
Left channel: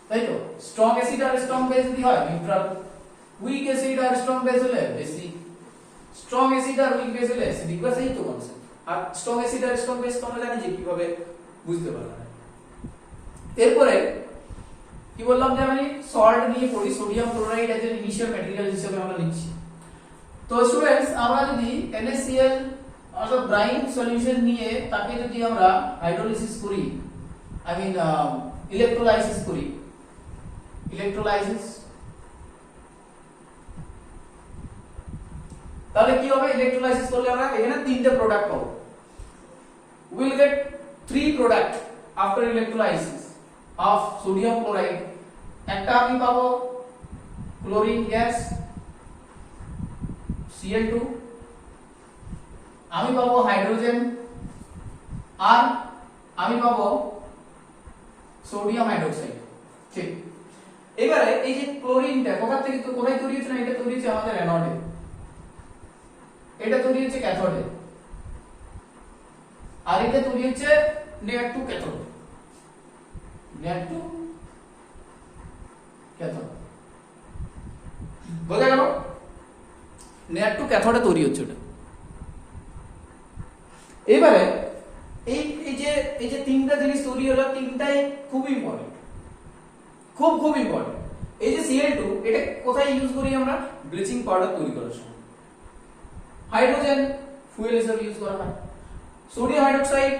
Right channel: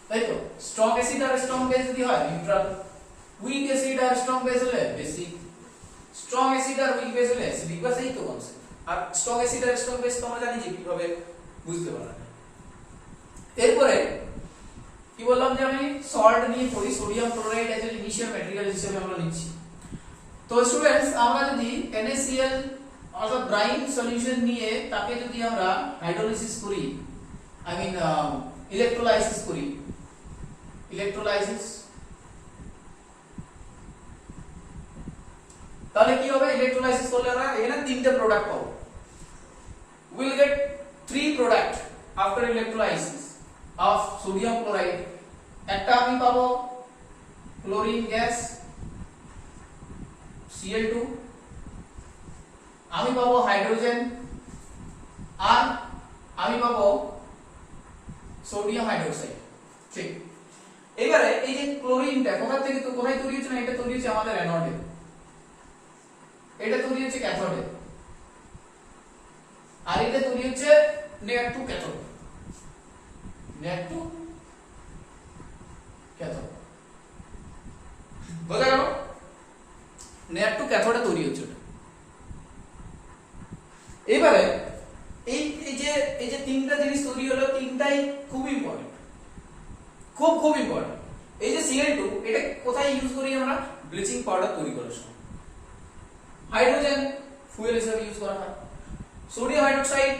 তাই তো। স্ট্রং অ্যাসিড আর স্ট্রং বেস যদি হয় নিউট্রাল, উইক অ্যাসিড আর স্ট্রং বেস হলে বেসিক, স্ট্রং অ্যাসিড আর উইক বেস হলে অ্যাসিডিক, বাস এই তো কনসেপ্ট। আর স্ট্রং অ্যাসিড আর স্ট্রং বেস তো আমরা জানি যে কিভাবে বুঝতে পারা যায়। এরপরে কি বললাম যে আমি সল্ট নিয়ে পড়ি, সোডিয়াম ক্লোরাইড এর ইনিশিয়াল ম্যাটেরিয়াল হিসেবে আমরা নিচ্ছি। তো স্টুডেন্টস আমরা যদি NaCl অর্থাৎ ব্রাইন সলিউশন নিয়ে তাকে যদি আমরা হাইড্রোলিসিস করি, আই মিন ইলেক্ট্রোলাইসিস করি, ইলেক্ট্রোলাইসিস, তাহলে কি হবে? ইলেক্ট্রোলাইসিস করলে আমরা এখানে তিনটে প্রোডাক্ট পাবো। we will get three product after electrolysis of sodium chloride। একটা আমি পাবো ক্লোরিন গ্যাস Cl2, আমি পাবো হাইড্রোজেন, আর আমি পাবো সোডিয়াম হাইড্রোক্সাইড। ঠিক, এবারে এই যে ক্লোরিনটা কোথা থেকে তো কোথায় তৈরি হচ্ছে না, এটা তৈরি হচ্ছে আমাদের অ্যানোডে, এটা তৈরি হচ্ছে ক্যাথোডে, আর এটা তৈরি হচ্ছে net to cathode, net to cathode, বোঝা গেল? নেট টু ক্যাথোডে তৈরি হচ্ছে এটা। এবারে এই যে তিনটা জিনিস তৈরি হলো, তিনটাই খুব ইম্পর্টেন্ট, খুব ইম্পর্টেন্ট। এই যে Cl2 এটা কোথায় ইউজ করি আমরা? ব্লিচিং পাউডার তৈরি করার সময়। হাইড্রোজেন ফুয়েল হিসেবে ইউজ করা হয়। সোডিয়াম হাইড্রোক্সাইড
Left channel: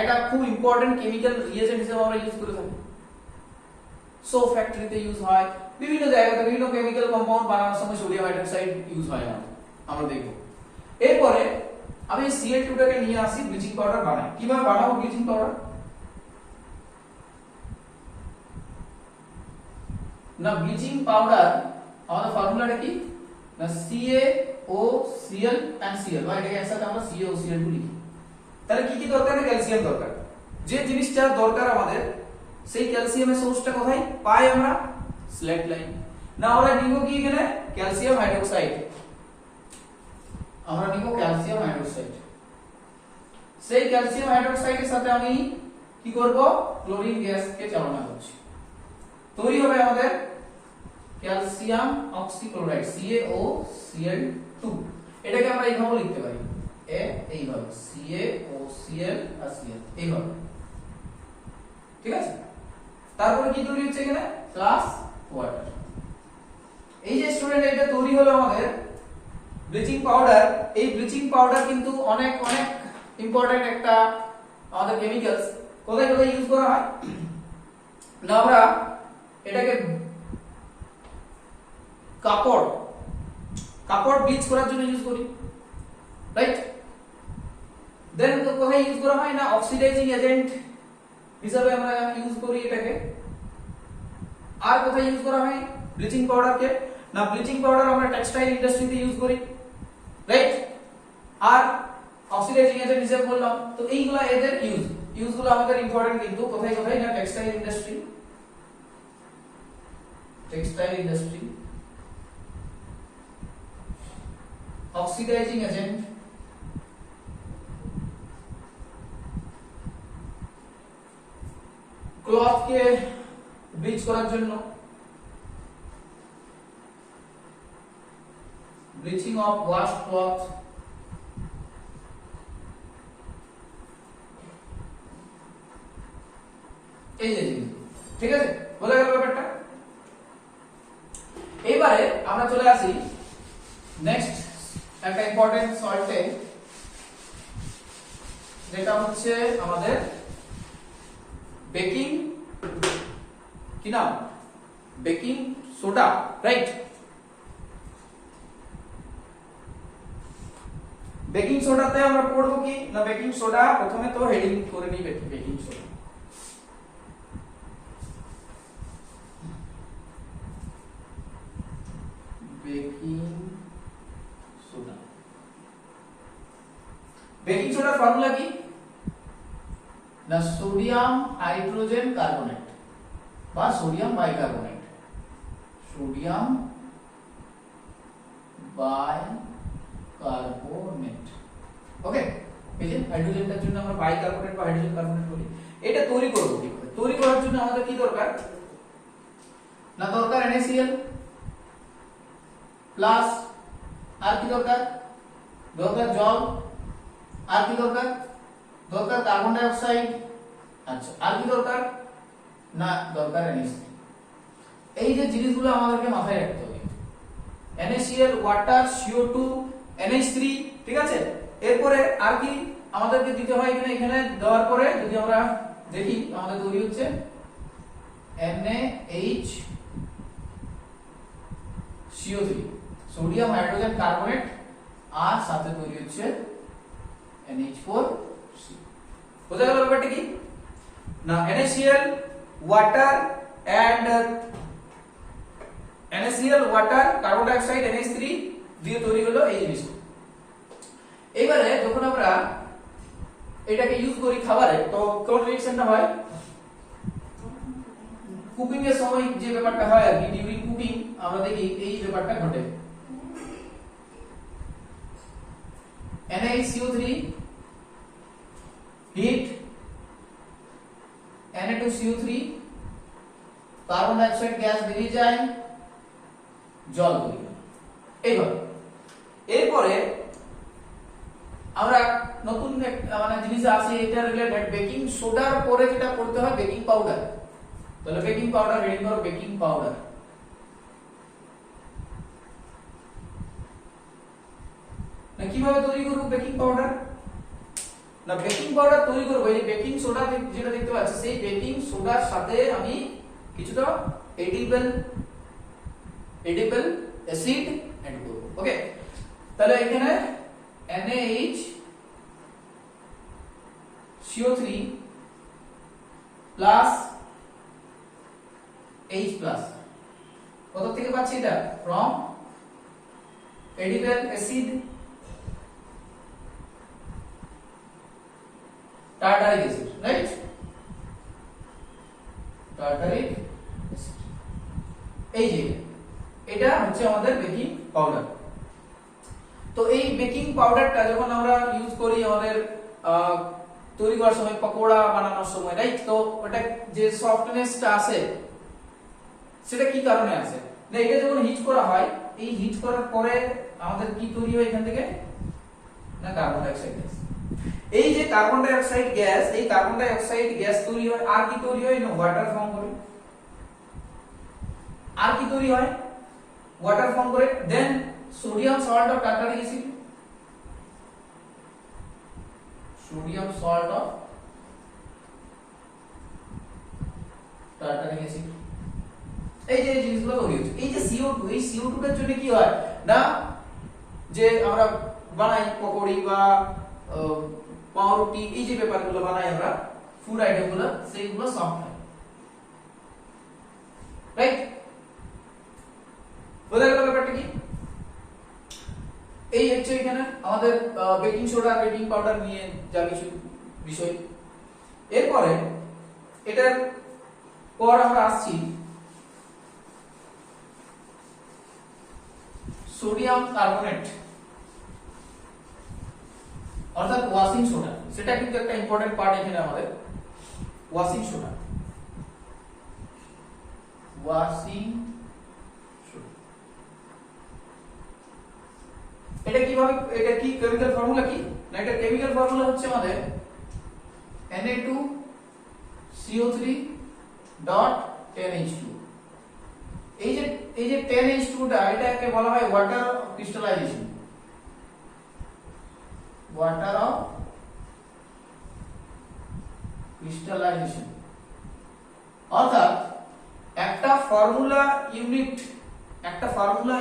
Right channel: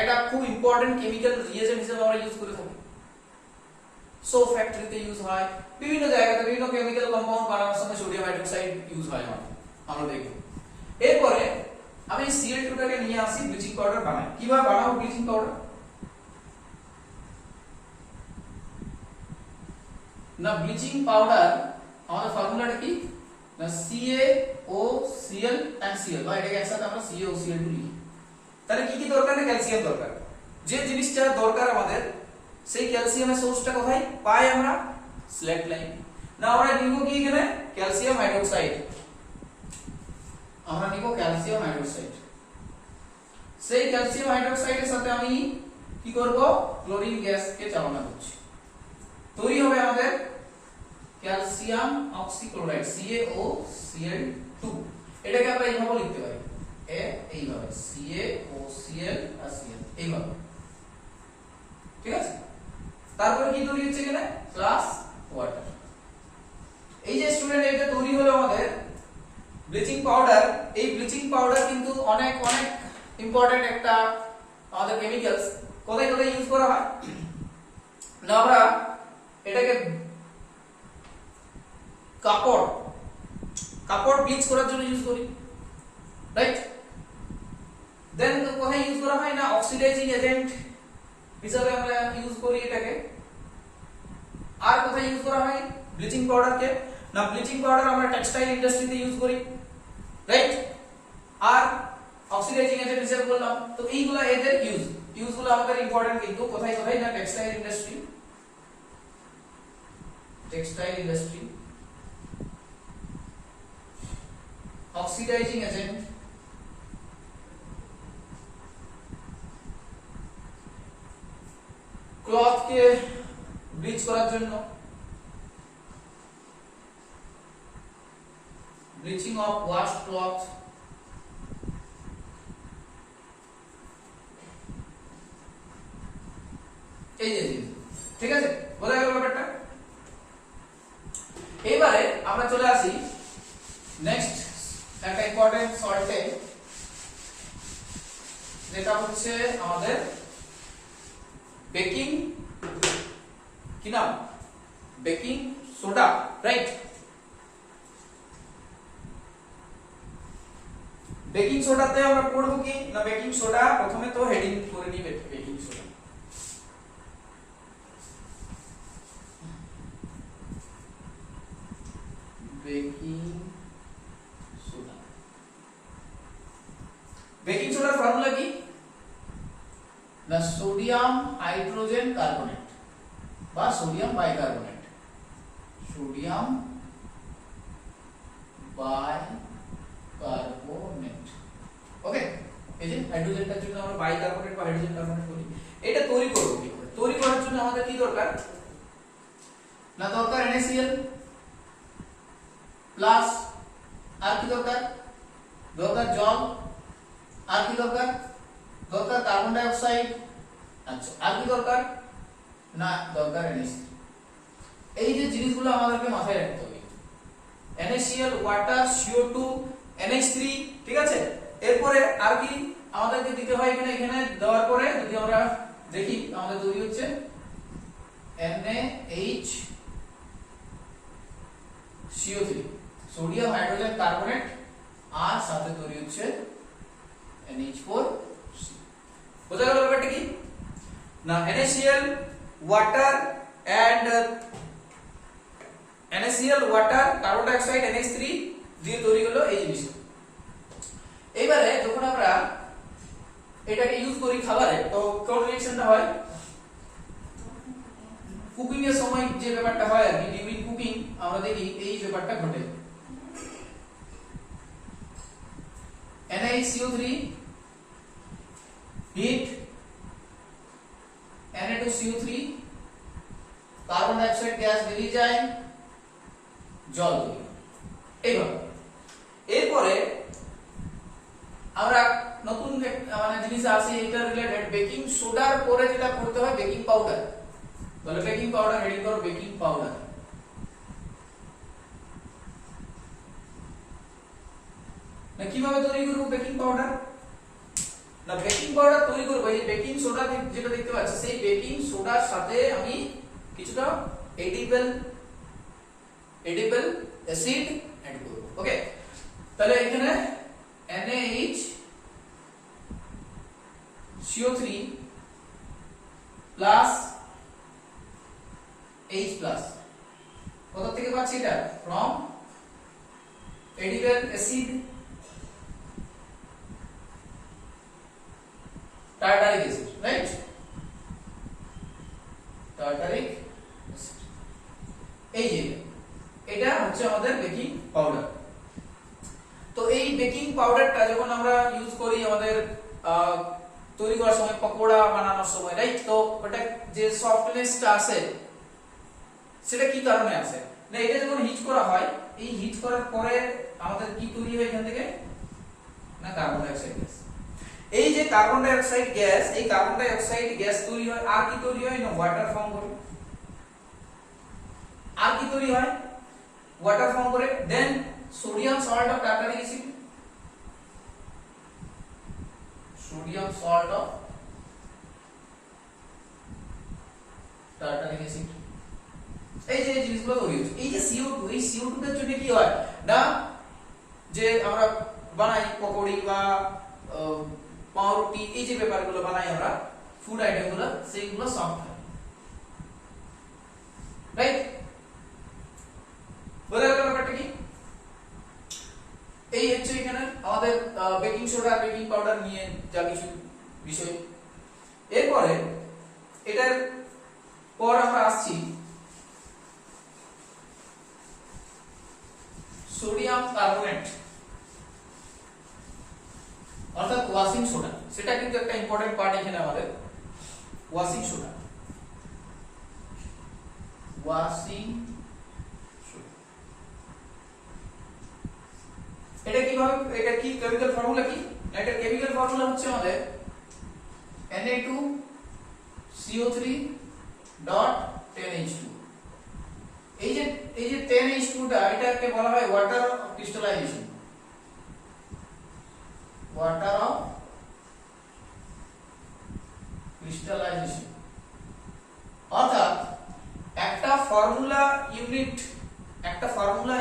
এটা খুব ইম্পর্টেন্ট কেমিক্যাল রিয়েজেন্ট হিসেবে আমরা ইউজ করে থাকি। সো ফ্যাক্টরিতে ইউজ হয়, বিভিন্ন জায়গাতে বিভিন্ন কেমিক্যাল কম্পাউন্ড বানানোর সময় সোডিয়াম হাইড্রোক্সাইড ইউজ হয় আমরা দেখব। এরপরে আমি Cl2 টাকে নিয়ে আসি ব্লিচিং পাউডার বানাই। কিভাবে বানাবো ব্লিচিং পাউডার? না ব্লিচিং পাউডার আমাদের ফর্মুলাটা কি না CaOCl and Cl, বা এটাকে একসাথে আমরা CaOCl2 লিখি। তাহলে কি কি দরকার? না ক্যালসিয়াম দরকার। যে জিনিসটা দরকার আমাদের সেই ক্যালসিয়ামের সোর্সটা কোথায় পাই আমরা? স্ল্যাট লাইন। না আমরা নিব কি এখানে? ক্যালসিয়াম হাইড্রোক্সাইড, আমরা নিব ক্যালসিয়াম হাইড্রোক্সাইড। সেই ক্যালসিয়াম হাইড্রোক্সাইডের সাথে আমি কি করব? ক্লোরিন গ্যাসকে চালনা করছি, তৈরি হবে আমাদের ক্যালসিয়াম অক্সিক্লোরাইড CaOCl2। এটাকে আমরা এইভাবে লিখতে পারি, এইভাবে CaOCl আর Cl এইভাবে, ঠিক আছে? তারপরে কি তৈরি হচ্ছে এখানে? Plus water. এই যে স্টুডেন্ট এটা তৈরি হলো আমাদের ব্লিচিং পাউডার। এই ব্লিচিং পাউডার কিন্তু অনেক অনেক ইম্পর্টেন্ট একটা আমাদের কেমিক্যালস। কোথায় কোথায় ইউজ করা হয় না? আমরা এটাকে কাপড় ব্লিচ করার জন্য ইউজ করি, রাইট? দেন কোথায় ইউজ করা হয় না? অক্সিডাইজিং এজেন্ট হিসাবে আমরা ইউজ করি এটাকে। আর কোথায় ইউজ করা হয় ব্লিচিং পাউডারকে? না ব্লিচিং পাউডার আমরা টেক্সটাইল ইন্ডাস্ট্রিতে ইউজ করি, রাইট? আর অক্সিডাইজিং এজেন্ট হিসেবে বললাম। তো এইগুলা এদের ইউজগুলো আমাদের ইম্পর্টেন্ট, কিন্তু কোথায় কোথায় না textile industry, oxidizing agent, cloth কে ব্লিচ করার জন্য, ব্লিচিং অফ ওয়াশড ক্লথ, এই যে ঠিক আছে, বোঝা গেল ব্যাপারটা? এবারে আমরা চলে আসি নেক্সট একটা ইম্পর্টেন্ট সল্টে, যেটা হচ্ছে আমাদের বেকিং, কি নাম, বেকিং সোডা, রাইট। বেকিং সোডাতে আমরা পড়বো কি না, বেকিং সোডা প্রথমে তো হেডিং করে নিই baking soda. Baking soda, baking সোডার ফর্মুলা কি না, সোডিয়াম হাইড্রোজেন কার্বনেট বা sodium bicarbonate, sodium bicarbonate. Okay, এই যে হাইড্রোজেনটার জন্য আমরা বাইকার্বনেট বা হাইড্রোজেন কার্বনেট বলি। এটা তৈরি করব, তৈরি করার জন্য আমাদের কি দরকার না, দরকার NaCl প্লাস, আর কি দরকার, দরকার জল, আর কি দরকার, দরকার কার্বন ডাই অক্সাইড, আচ্ছা আর কি দরকার না, দরকার NaCl। এই যে জিনিসগুলো আমাদেরকে মাথায় রাখতে হবে, NaCl, ওয়াটার, CO2, NH3, ঠিক আছে। এরপরে আর কি আমাদেরকে দিতে হয় এখানে, এখানে দেওয়ার পরে যদি আমরা দেখি আমাদের তৈরি হচ্ছে NaHCO3, সোডিয়াম হাইড্রোজেন কার্বনেট, আর সাথে তৈরি হচ্ছে NH4C। বোঝা গেল ব্যাপারটা কি না, NaCl, water and NaCl, water, carbon dioxide, NH3 দিয়ে তৈরি হলো এই জিনিস। এবারে যখন আমরা এটাকে ইউজ করি খাবারে, তো কোন রিঅ্যাকশনটা হয়, কুকিং এর সময় যে ব্যাপারটা হয় আর কি, ডিউরিং কুকিং আমরা দেখি এই ব্যাপারটা ঘটে। NaCO3 hit, Na2CO3 carbon die oxide gas বেরিয়ে যায়, জল তৈরি হয় এইভাবে। এরপরে আমরা নতুন মানে জিনিস আছে এটা রিলেটেড, বেকিং সোডার পরে যেটা করতে হয় বেকিং পাউডার। তাহলে বেকিং পাউডার রেডি করো, বেকিং পাউডার। না কিভাবে তৈরি করব বেকিং পাউডার না, বেকিং পাউডার তৈরি করব এই বেকিং সোডা যেটা দেখতে পাচ্ছি, সেই বেকিং সোডার সাথে আমি কিছুটা এডিবল অ্যাসিড অ্যাড করব। ওকে, তাহলে এখানে NaHCO3 প্লাস H প্লাস, কত থেকে পাচ্ছি এটা, from edible acid tartaric acid, right, tartaric acid. এই যে এটা হচ্ছে আমাদের বেকিং পাউডার। তো এই বেকিং পাউডারটা যখন আমরা ইউজ করি আমাদের তৈরি করার সময়, পকোড়া বানানোর সময়, রাইট, তো ওটা যে সফটনেসটা আসে সেটা কি কারণে আসে না, এটা যখন হিট করা হয়, এই হিট করার পরে আমাদের কি তৈরি হয় এখান থেকে না, কার্বন ডাই অক্সাইড গ্যাস। এই যে কার্বন ডাই অক্সাইড গ্যাস, এই কার্বন ডাই অক্সাইড গ্যাস তৈরি হয়, আর কি তৈরি হয় না, ওয়াটার ফর্ম করে, আর কি তৈরি হয়, ওয়াটার ফর্ম করে, then sodium salt of tartaric acid, sodium salt of tartaric acid. এই যে জিনিসগুলো তৈরি হচ্ছে, এই যে CO2, এই CO2 টার জন্য কি হয় না, যে আমরা বানাই পকোড়ি বা পাউরুটি, এই যে ব্যাপারগুলো বানাই আমরা ফুড আইটেমগুলো, সেইগুলো সফট হয়, রাইট। বোঝা গেল ব্যাপারটা কি, এই হচ্ছে এখানে আমাদের বেকিং সোডা বেকিং পাউডার নিয়ে যা কিছু বিষয়। এরপরে এটার পর আমরা আসছি সোডিয়াম কার্বনেট অর্থাৎ ওয়াশিং সোডা, সেটা কিন্তু একটা ইম্পর্টেন্ট পার্ট এখানে আমাদের, ওয়াশিং সোডা, ওয়াশিং সোডা। এটা কিভাবে, এটা কি কেমিক্যাল ফর্মুলা কি না, এটা কেমিক্যাল ফর্মুলা হচ্ছে আমাদের Na2CO3 10H2। এই যে 10H2 টা এটাকে বলা হয় water crystallisation, water of crystallisation. অর্থাৎ একটা ফর্মুলা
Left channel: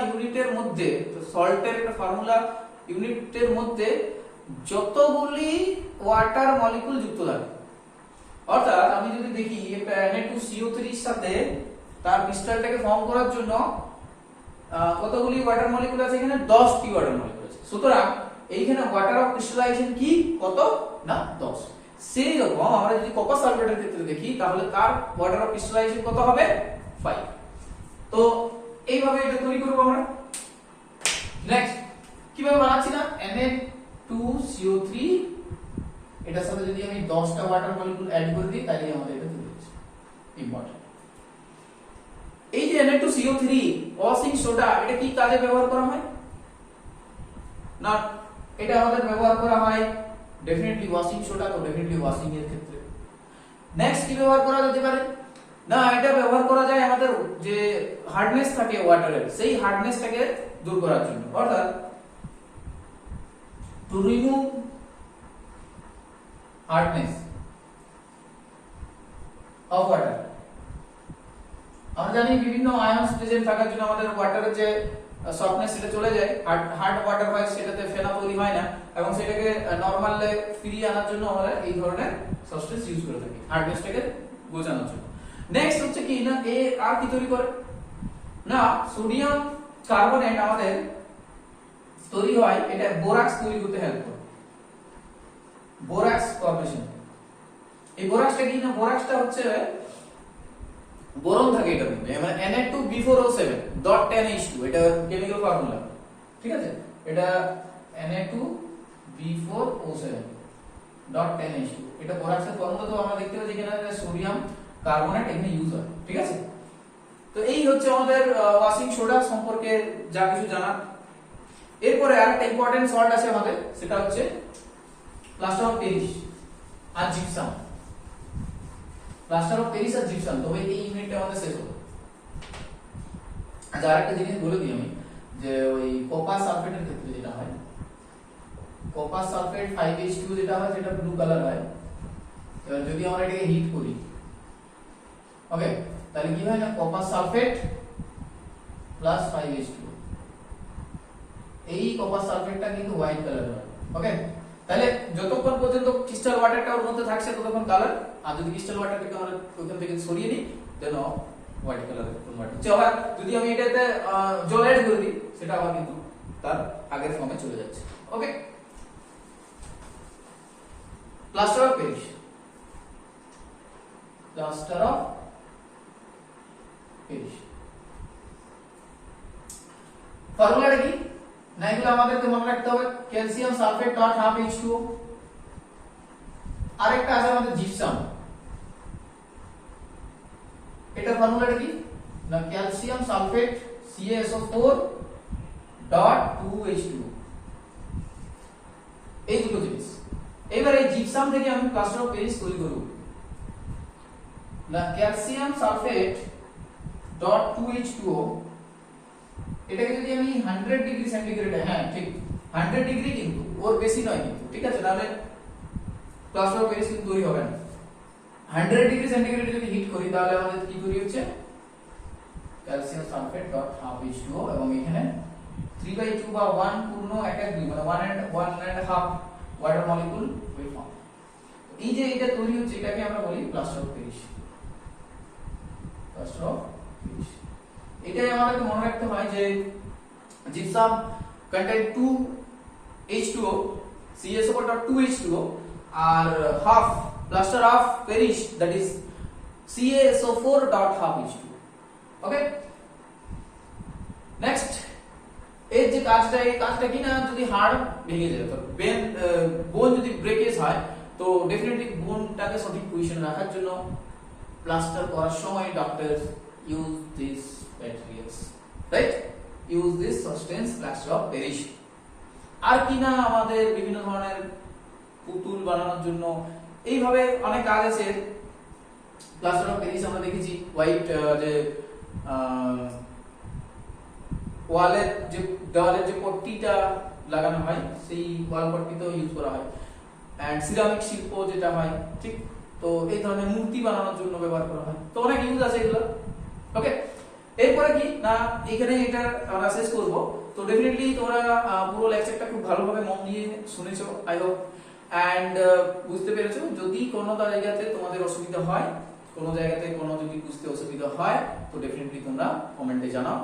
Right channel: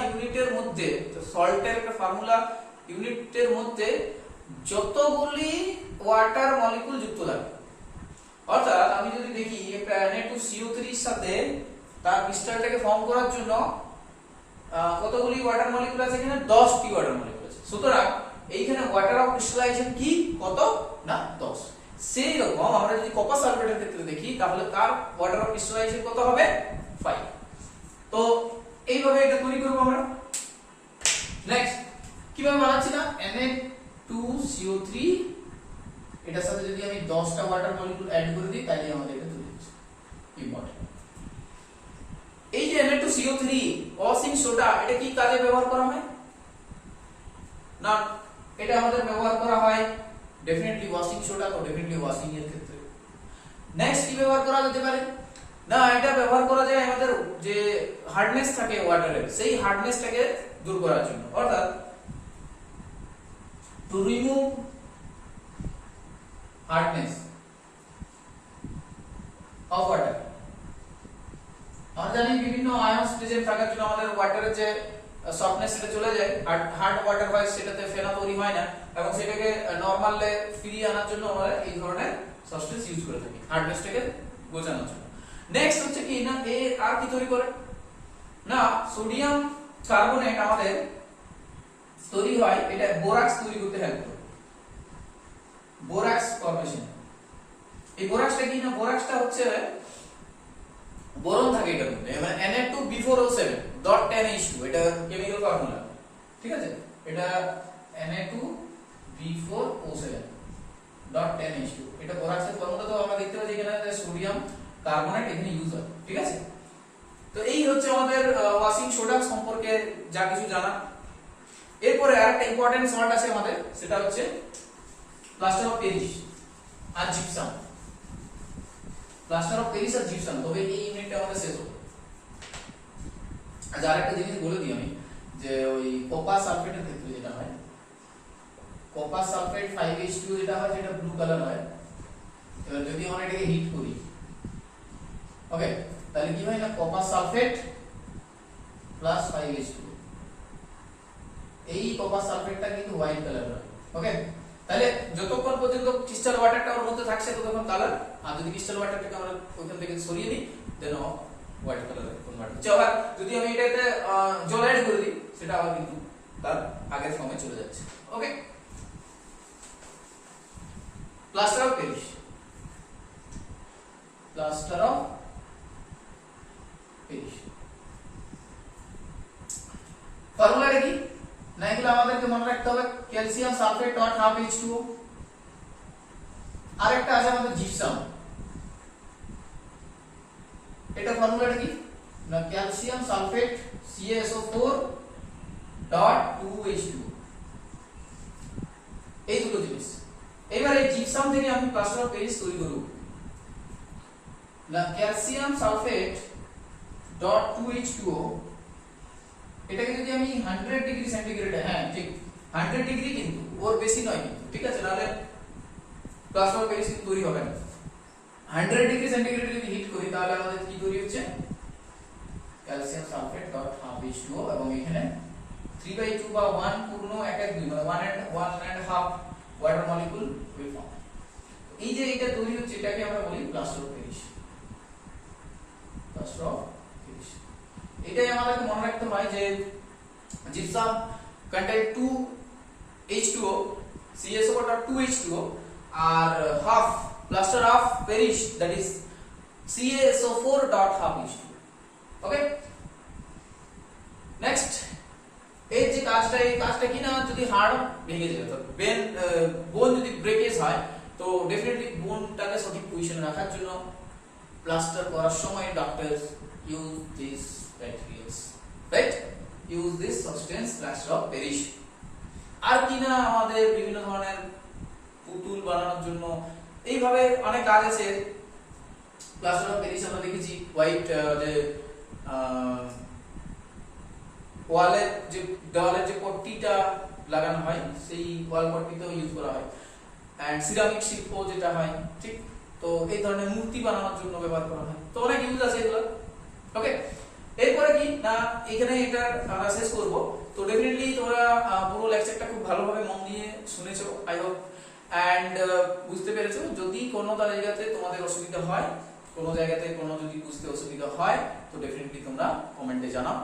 ইউনিটের মধ্যে, তো সল্টের একটা ফর্মুলা ইউনিটের মধ্যে যতগুলি ওয়াটার মলিকুল যুক্ত থাকে। অর্থাৎ আমি যদি দেখি একটা Na2CO3 এর সাথে তার ক্রিস্টালটাকে ফর্ম করার জন্য কতগুলি ওয়াটার মলিকুল আছে, এখানে 10টি ওয়াটার মলিকুল আছে। সুতরাং এইখানে ওয়াটার অফ ক্রিস্টালাইজেশন কি কত না 10। সেই রকম আমরা যদি কপার সালফেটের ক্ষেত্রে দেখি তাহলে তার ওয়াটার অফ ক্রিস্টালাইজেশন কত হবে 5। তো এইভাবে এটা তৈরি করব আমরা। নেক্সট কিভাবে বানাচ্ছি না, Na2CO3 এটার সাথে যদি আমি 10টা ওয়াটার মলিকুল অ্যাড করে দিই তাহলে আমাদের এটা তৈরি হচ্ছে। ইম্পর্টেন্ট, এই যে Na2CO3 ওয়াশিং সোডা, এটা কি কাজে ব্যবহার করা হয় না, এটা আমাদের ব্যবহার করা হয় ডেফিনেটলি ওয়াশিং সোডা, তো ডেফিনেটলি ওয়াশিং এর ক্ষেত্রে। নেক্সট কি ব্যবহার করা যেতে পারে না, এটা ব্যবহার করা যায় আমাদের যে হার্ডনেস থাকে ওয়াটারের, সেই হার্ডনেসটাকে দূর করার জন্য। অর্থাৎ to remove hardness of water. আমরা জানি বিভিন্ন আয়নস প্রেজেন্ট থাকার জন্য আমাদের ওয়াটারের যে সফটনেস সেটা চলে যায়, হার্ড ওয়াটার হয়, সেটাতে ফেনা তৈরি হয় না, এবং সেটাকে নরমালে ফিরিয়ে আনার জন্য আমরা এই ধরনের সাবস্টেন্স ইউজ করে থাকি হার্ডনেসটাকে বোঝানোর জন্য। নেক্সট হচ্ছে কি না, এ আর কি তৈরি করে না, সোডিয়াম কার্বনেট আমাদের তৈরি হয়, এটা বোরাক্স তৈরি করতে হেল্প করে, বোরাক্স ফর্মেশন। এই বোরাক্সটা কি না, বোরাক্সটা হচ্ছে বোরন থাকে এটার মধ্যে, মানে Na2B4O7.10H2, এটা কেমিক্যাল ফর্মুলা, ঠিক আছে। এটা Na2B4O7.10H2, এটা বোরাক্সের ফর্মুলা। তো আমরা দেখতে পাচ্ছি এখানে সোডিয়াম কার্বনেট এখানে ইউজ হয়, ঠিক আছে। তো এই হচ্ছে আমাদের ওয়াশিং সোডা সম্পর্কে যা কিছু জানা। এরপরে আরেকটা ইম্পর্টেন্ট সল্ট আছে আমাদের, সেটা হচ্ছে প্লাস্টার অফ প্যারিস আর জিপসাম। প্লাস্টার অফ প্যারিস আর জিপসাম, তবে এই ইউনিটটা আমাদের শেষ হলো। আচ্ছা, আরেকটা জিনিস বলে দিই আমি, যে ওই কপার সালফেটের ক্ষেত্রে যেটা হয়, কপার সালফেট 5H2 যেটা হয় সেটা ব্লু কালার হয়। এবার যদি আমরা এটাকে হিট করি, ওকে, তাহলে কি হয় না, কপার সালফেট প্লাস 5H2, এই কপার সালফেটটা কিন্তু হোয়াইট কালার হয়। ওকে, তাহলে যতক্ষণ পর্যন্ত ক্রিস্টাল ওয়াটারটা ওর মধ্যে থাকছে ততক্ষণ কালার, আর যদি ক্রিস্টাল ওয়াটারটাকে আমরা ওইখান থেকে সরিয়ে দিই দেন হোয়াইট কালারে কনভার্ট হচ্ছে। আবার যদি আমি এটাতে জল অ্যাড করে দিই সেটা আবার কিন্তু তার আগের ফর্মে চলে যাচ্ছে। Okay, plaster of Paris, plaster of Paris ফর্মুলাটা কি না, এগুলো আমাদেরকে মনে রাখতে হবে। Calcium sulphate dot half H2O, আরেকটা আছে আমাদের জিপসাম, এটা ফর্মুলাটা কি না, calcium sulphate CaSO4 dot 2H2O, এই দুটো জিনিস। এবার এই জিপসাম থেকে আমি প্লাস্টার অফ প্যারিস তৈরি করব না, ক্যালসিয়াম সালফেট ডট 2H2O, এটাকে যদি আমি 100 ডিগ্রি সেন্টিগ্রেডে, হ্যাঁ ঠিক 100 ডিগ্রি, কিন্তু ওর বেশি নয় কিন্তু, ঠিক আছে, নাহলে প্লাস্টার অফ প্যারিস কিন্তু তৈরি হবে না। 100 ডিগ্রি সেন্টিগ্রেডে যদি হিট করি তাহলে আমাদের কি তৈরি হচ্ছে, calcium sulphate dot half H2O, এবং এখানে 3/2 বা 1 পূর্ণ 1/2 মানে 1.5 ওয়াটার মলিকুল উইল ফর্ম। এই যে এটা তৈরি হচ্ছে এটাকে আমরা বলি plaster of Paris, plaster of Paris. এটাই আমাদেরকে মনে রাখতে হয় যে gypsum contain 2H2O, CaSO4.2H2O, আর half plaster of Paris, that is CaSO4.half H2O. Okay, next এই যে কাজটা, এই কাজটা কি না, যদি হাড় ভেঙে যায় তো বোন যদি ব্রেকেজ হয়, তো ডেফিনেটলি বোনটাকে সঠিক পজিশনে রাখার জন্য প্লাস্টার করার সময় doctors use this materials, right? Use this substance, plaster of Paris. আর কি না, আমাদের বিভিন্ন ধরনের পুতুল বানানোর জন্য এইভাবে অনেক কাজ আছে। প্লাস্টার অফ প্যারিস আমরা দেখেছি হোয়াইট যে দেওয়ালের যে পট্টিটা লাগানো হয় সেই ওয়াল পট্টিতেও ইউজ করা হয়। অ্যান্ড সিরামিক শিল্প যেটা হয়, ঠিক, তো এই ধরনের মূর্তি বানানোর জন্য ব্যবহার করা হয়। তো অনেক ইউজ আছে এগুলো। ওকে, এরপরে কি না এখানে এটা আমরা শেষ করব। তো ডেফিনেটলি তোমরা পুরো লেকচারটা খুব ভালোভাবে মন দিয়ে শুনেছো আই হোপ, অ্যান্ড বুঝতে পেরেছো। যদি কোনো জায়গাতে তোমাদের অসুবিধা হয়, কোনো জায়গাতে কোনো যদি বুঝতে অসুবিধা হয়, তো ডেফিনেটলি তোমরা কমেন্টে জানাও,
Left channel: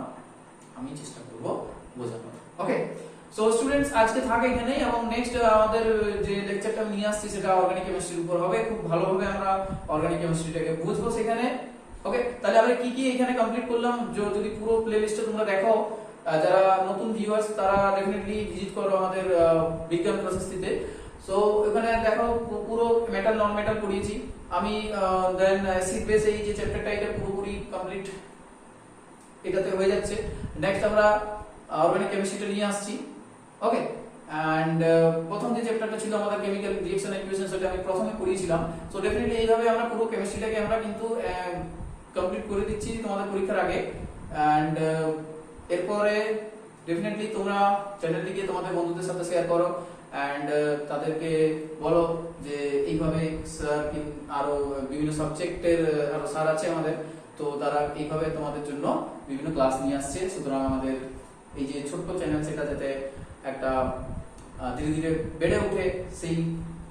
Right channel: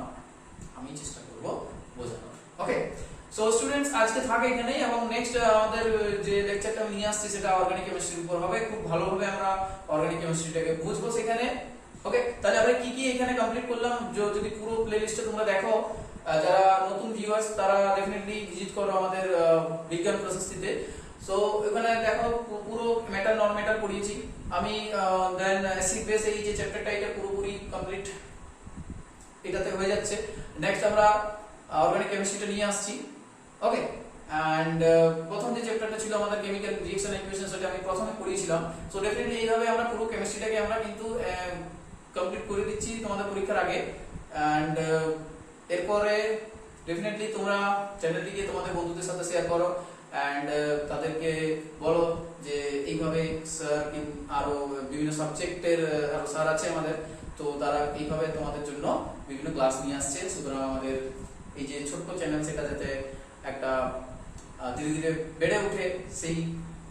আমি চেষ্টা করব বোঝানোর। ওকে, সো স্টুডেন্টস আজকে থাকে এখানেই, এবং নেক্সট আমাদের যে লেকচারটা আমি নিয়ে আসছি সেটা অর্গানিক কেমিস্ট্রির উপর হবে। খুব ভালোভাবে আমরা অর্গানিক কেমিস্ট্রিটাকে বুঝবো সেখানে। ওকে, তাহলে আমরা কি কি এখানে কমপ্লিট করলাম, যদি পুরো প্লেলিস্টে তোমরা দেখো, যারা নতুন ভিউয়ার্স তারা ডেফিনেটলি ভিজিট করো আমাদের বিজ্ঞান প্রশস্তিতে। সো এখানে দেখো পুরো মেটাল নন মেটাল পড়িয়েছি আমি। দেন অ্যাসিড বেস, এই যে চ্যাপ্টারটা এটা পুরোপুরি কমপ্লিট এটাতে হয়ে যাচ্ছে। নেক্সট আমরা অর্গানিক কেমিস্ট্রিটা নিয়ে আসছি। ওকে, অ্যান্ড প্রথম যে চ্যাপ্টারটা ছিল আমাদের কেমিক্যাল রিঅ্যাকশন ইকুয়েশন, সেটা আমি প্রথমে পড়িয়েছিলাম। সো ডেফিনেটলি এইভাবে আমরা পুরো কেমিস্ট্রিটাকে আমরা কিন্তু কমপ্লিট করে দিচ্ছি তোমাদের পরীক্ষার আগে। অ্যান্ড এরপরে ডেফিনেটলি তোমরা চ্যানেলটিকে তোমাদের বন্ধুদের সাথে শেয়ার করো, অ্যান্ড তাদেরকে বলো যে এইভাবে স্যার আরো বিভিন্ন সাবজেক্টের আরো স্যার আছে আমাদের, তো তারা এইভাবে তোমাদের জন্য বিভিন্ন ক্লাস নিয়ে আসছে। সুতরাং আমাদের এই যে ছোট্ট চ্যানেল সেটা যাতে একটা ধীরে ধীরে বেড়ে ওঠে সেই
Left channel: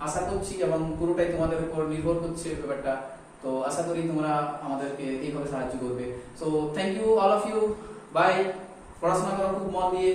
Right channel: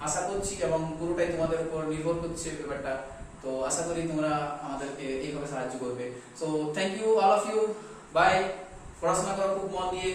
আশা করছি, এবং পুরোটাই তোমাদের উপর নির্ভর করছে ব্যাপারটা। তো আশা করি তোমরা আমাদেরকে এইভাবে সাহায্য করবে। So thank you all of you, bye. পড়াশোনা করো খুব মন দিয়ে।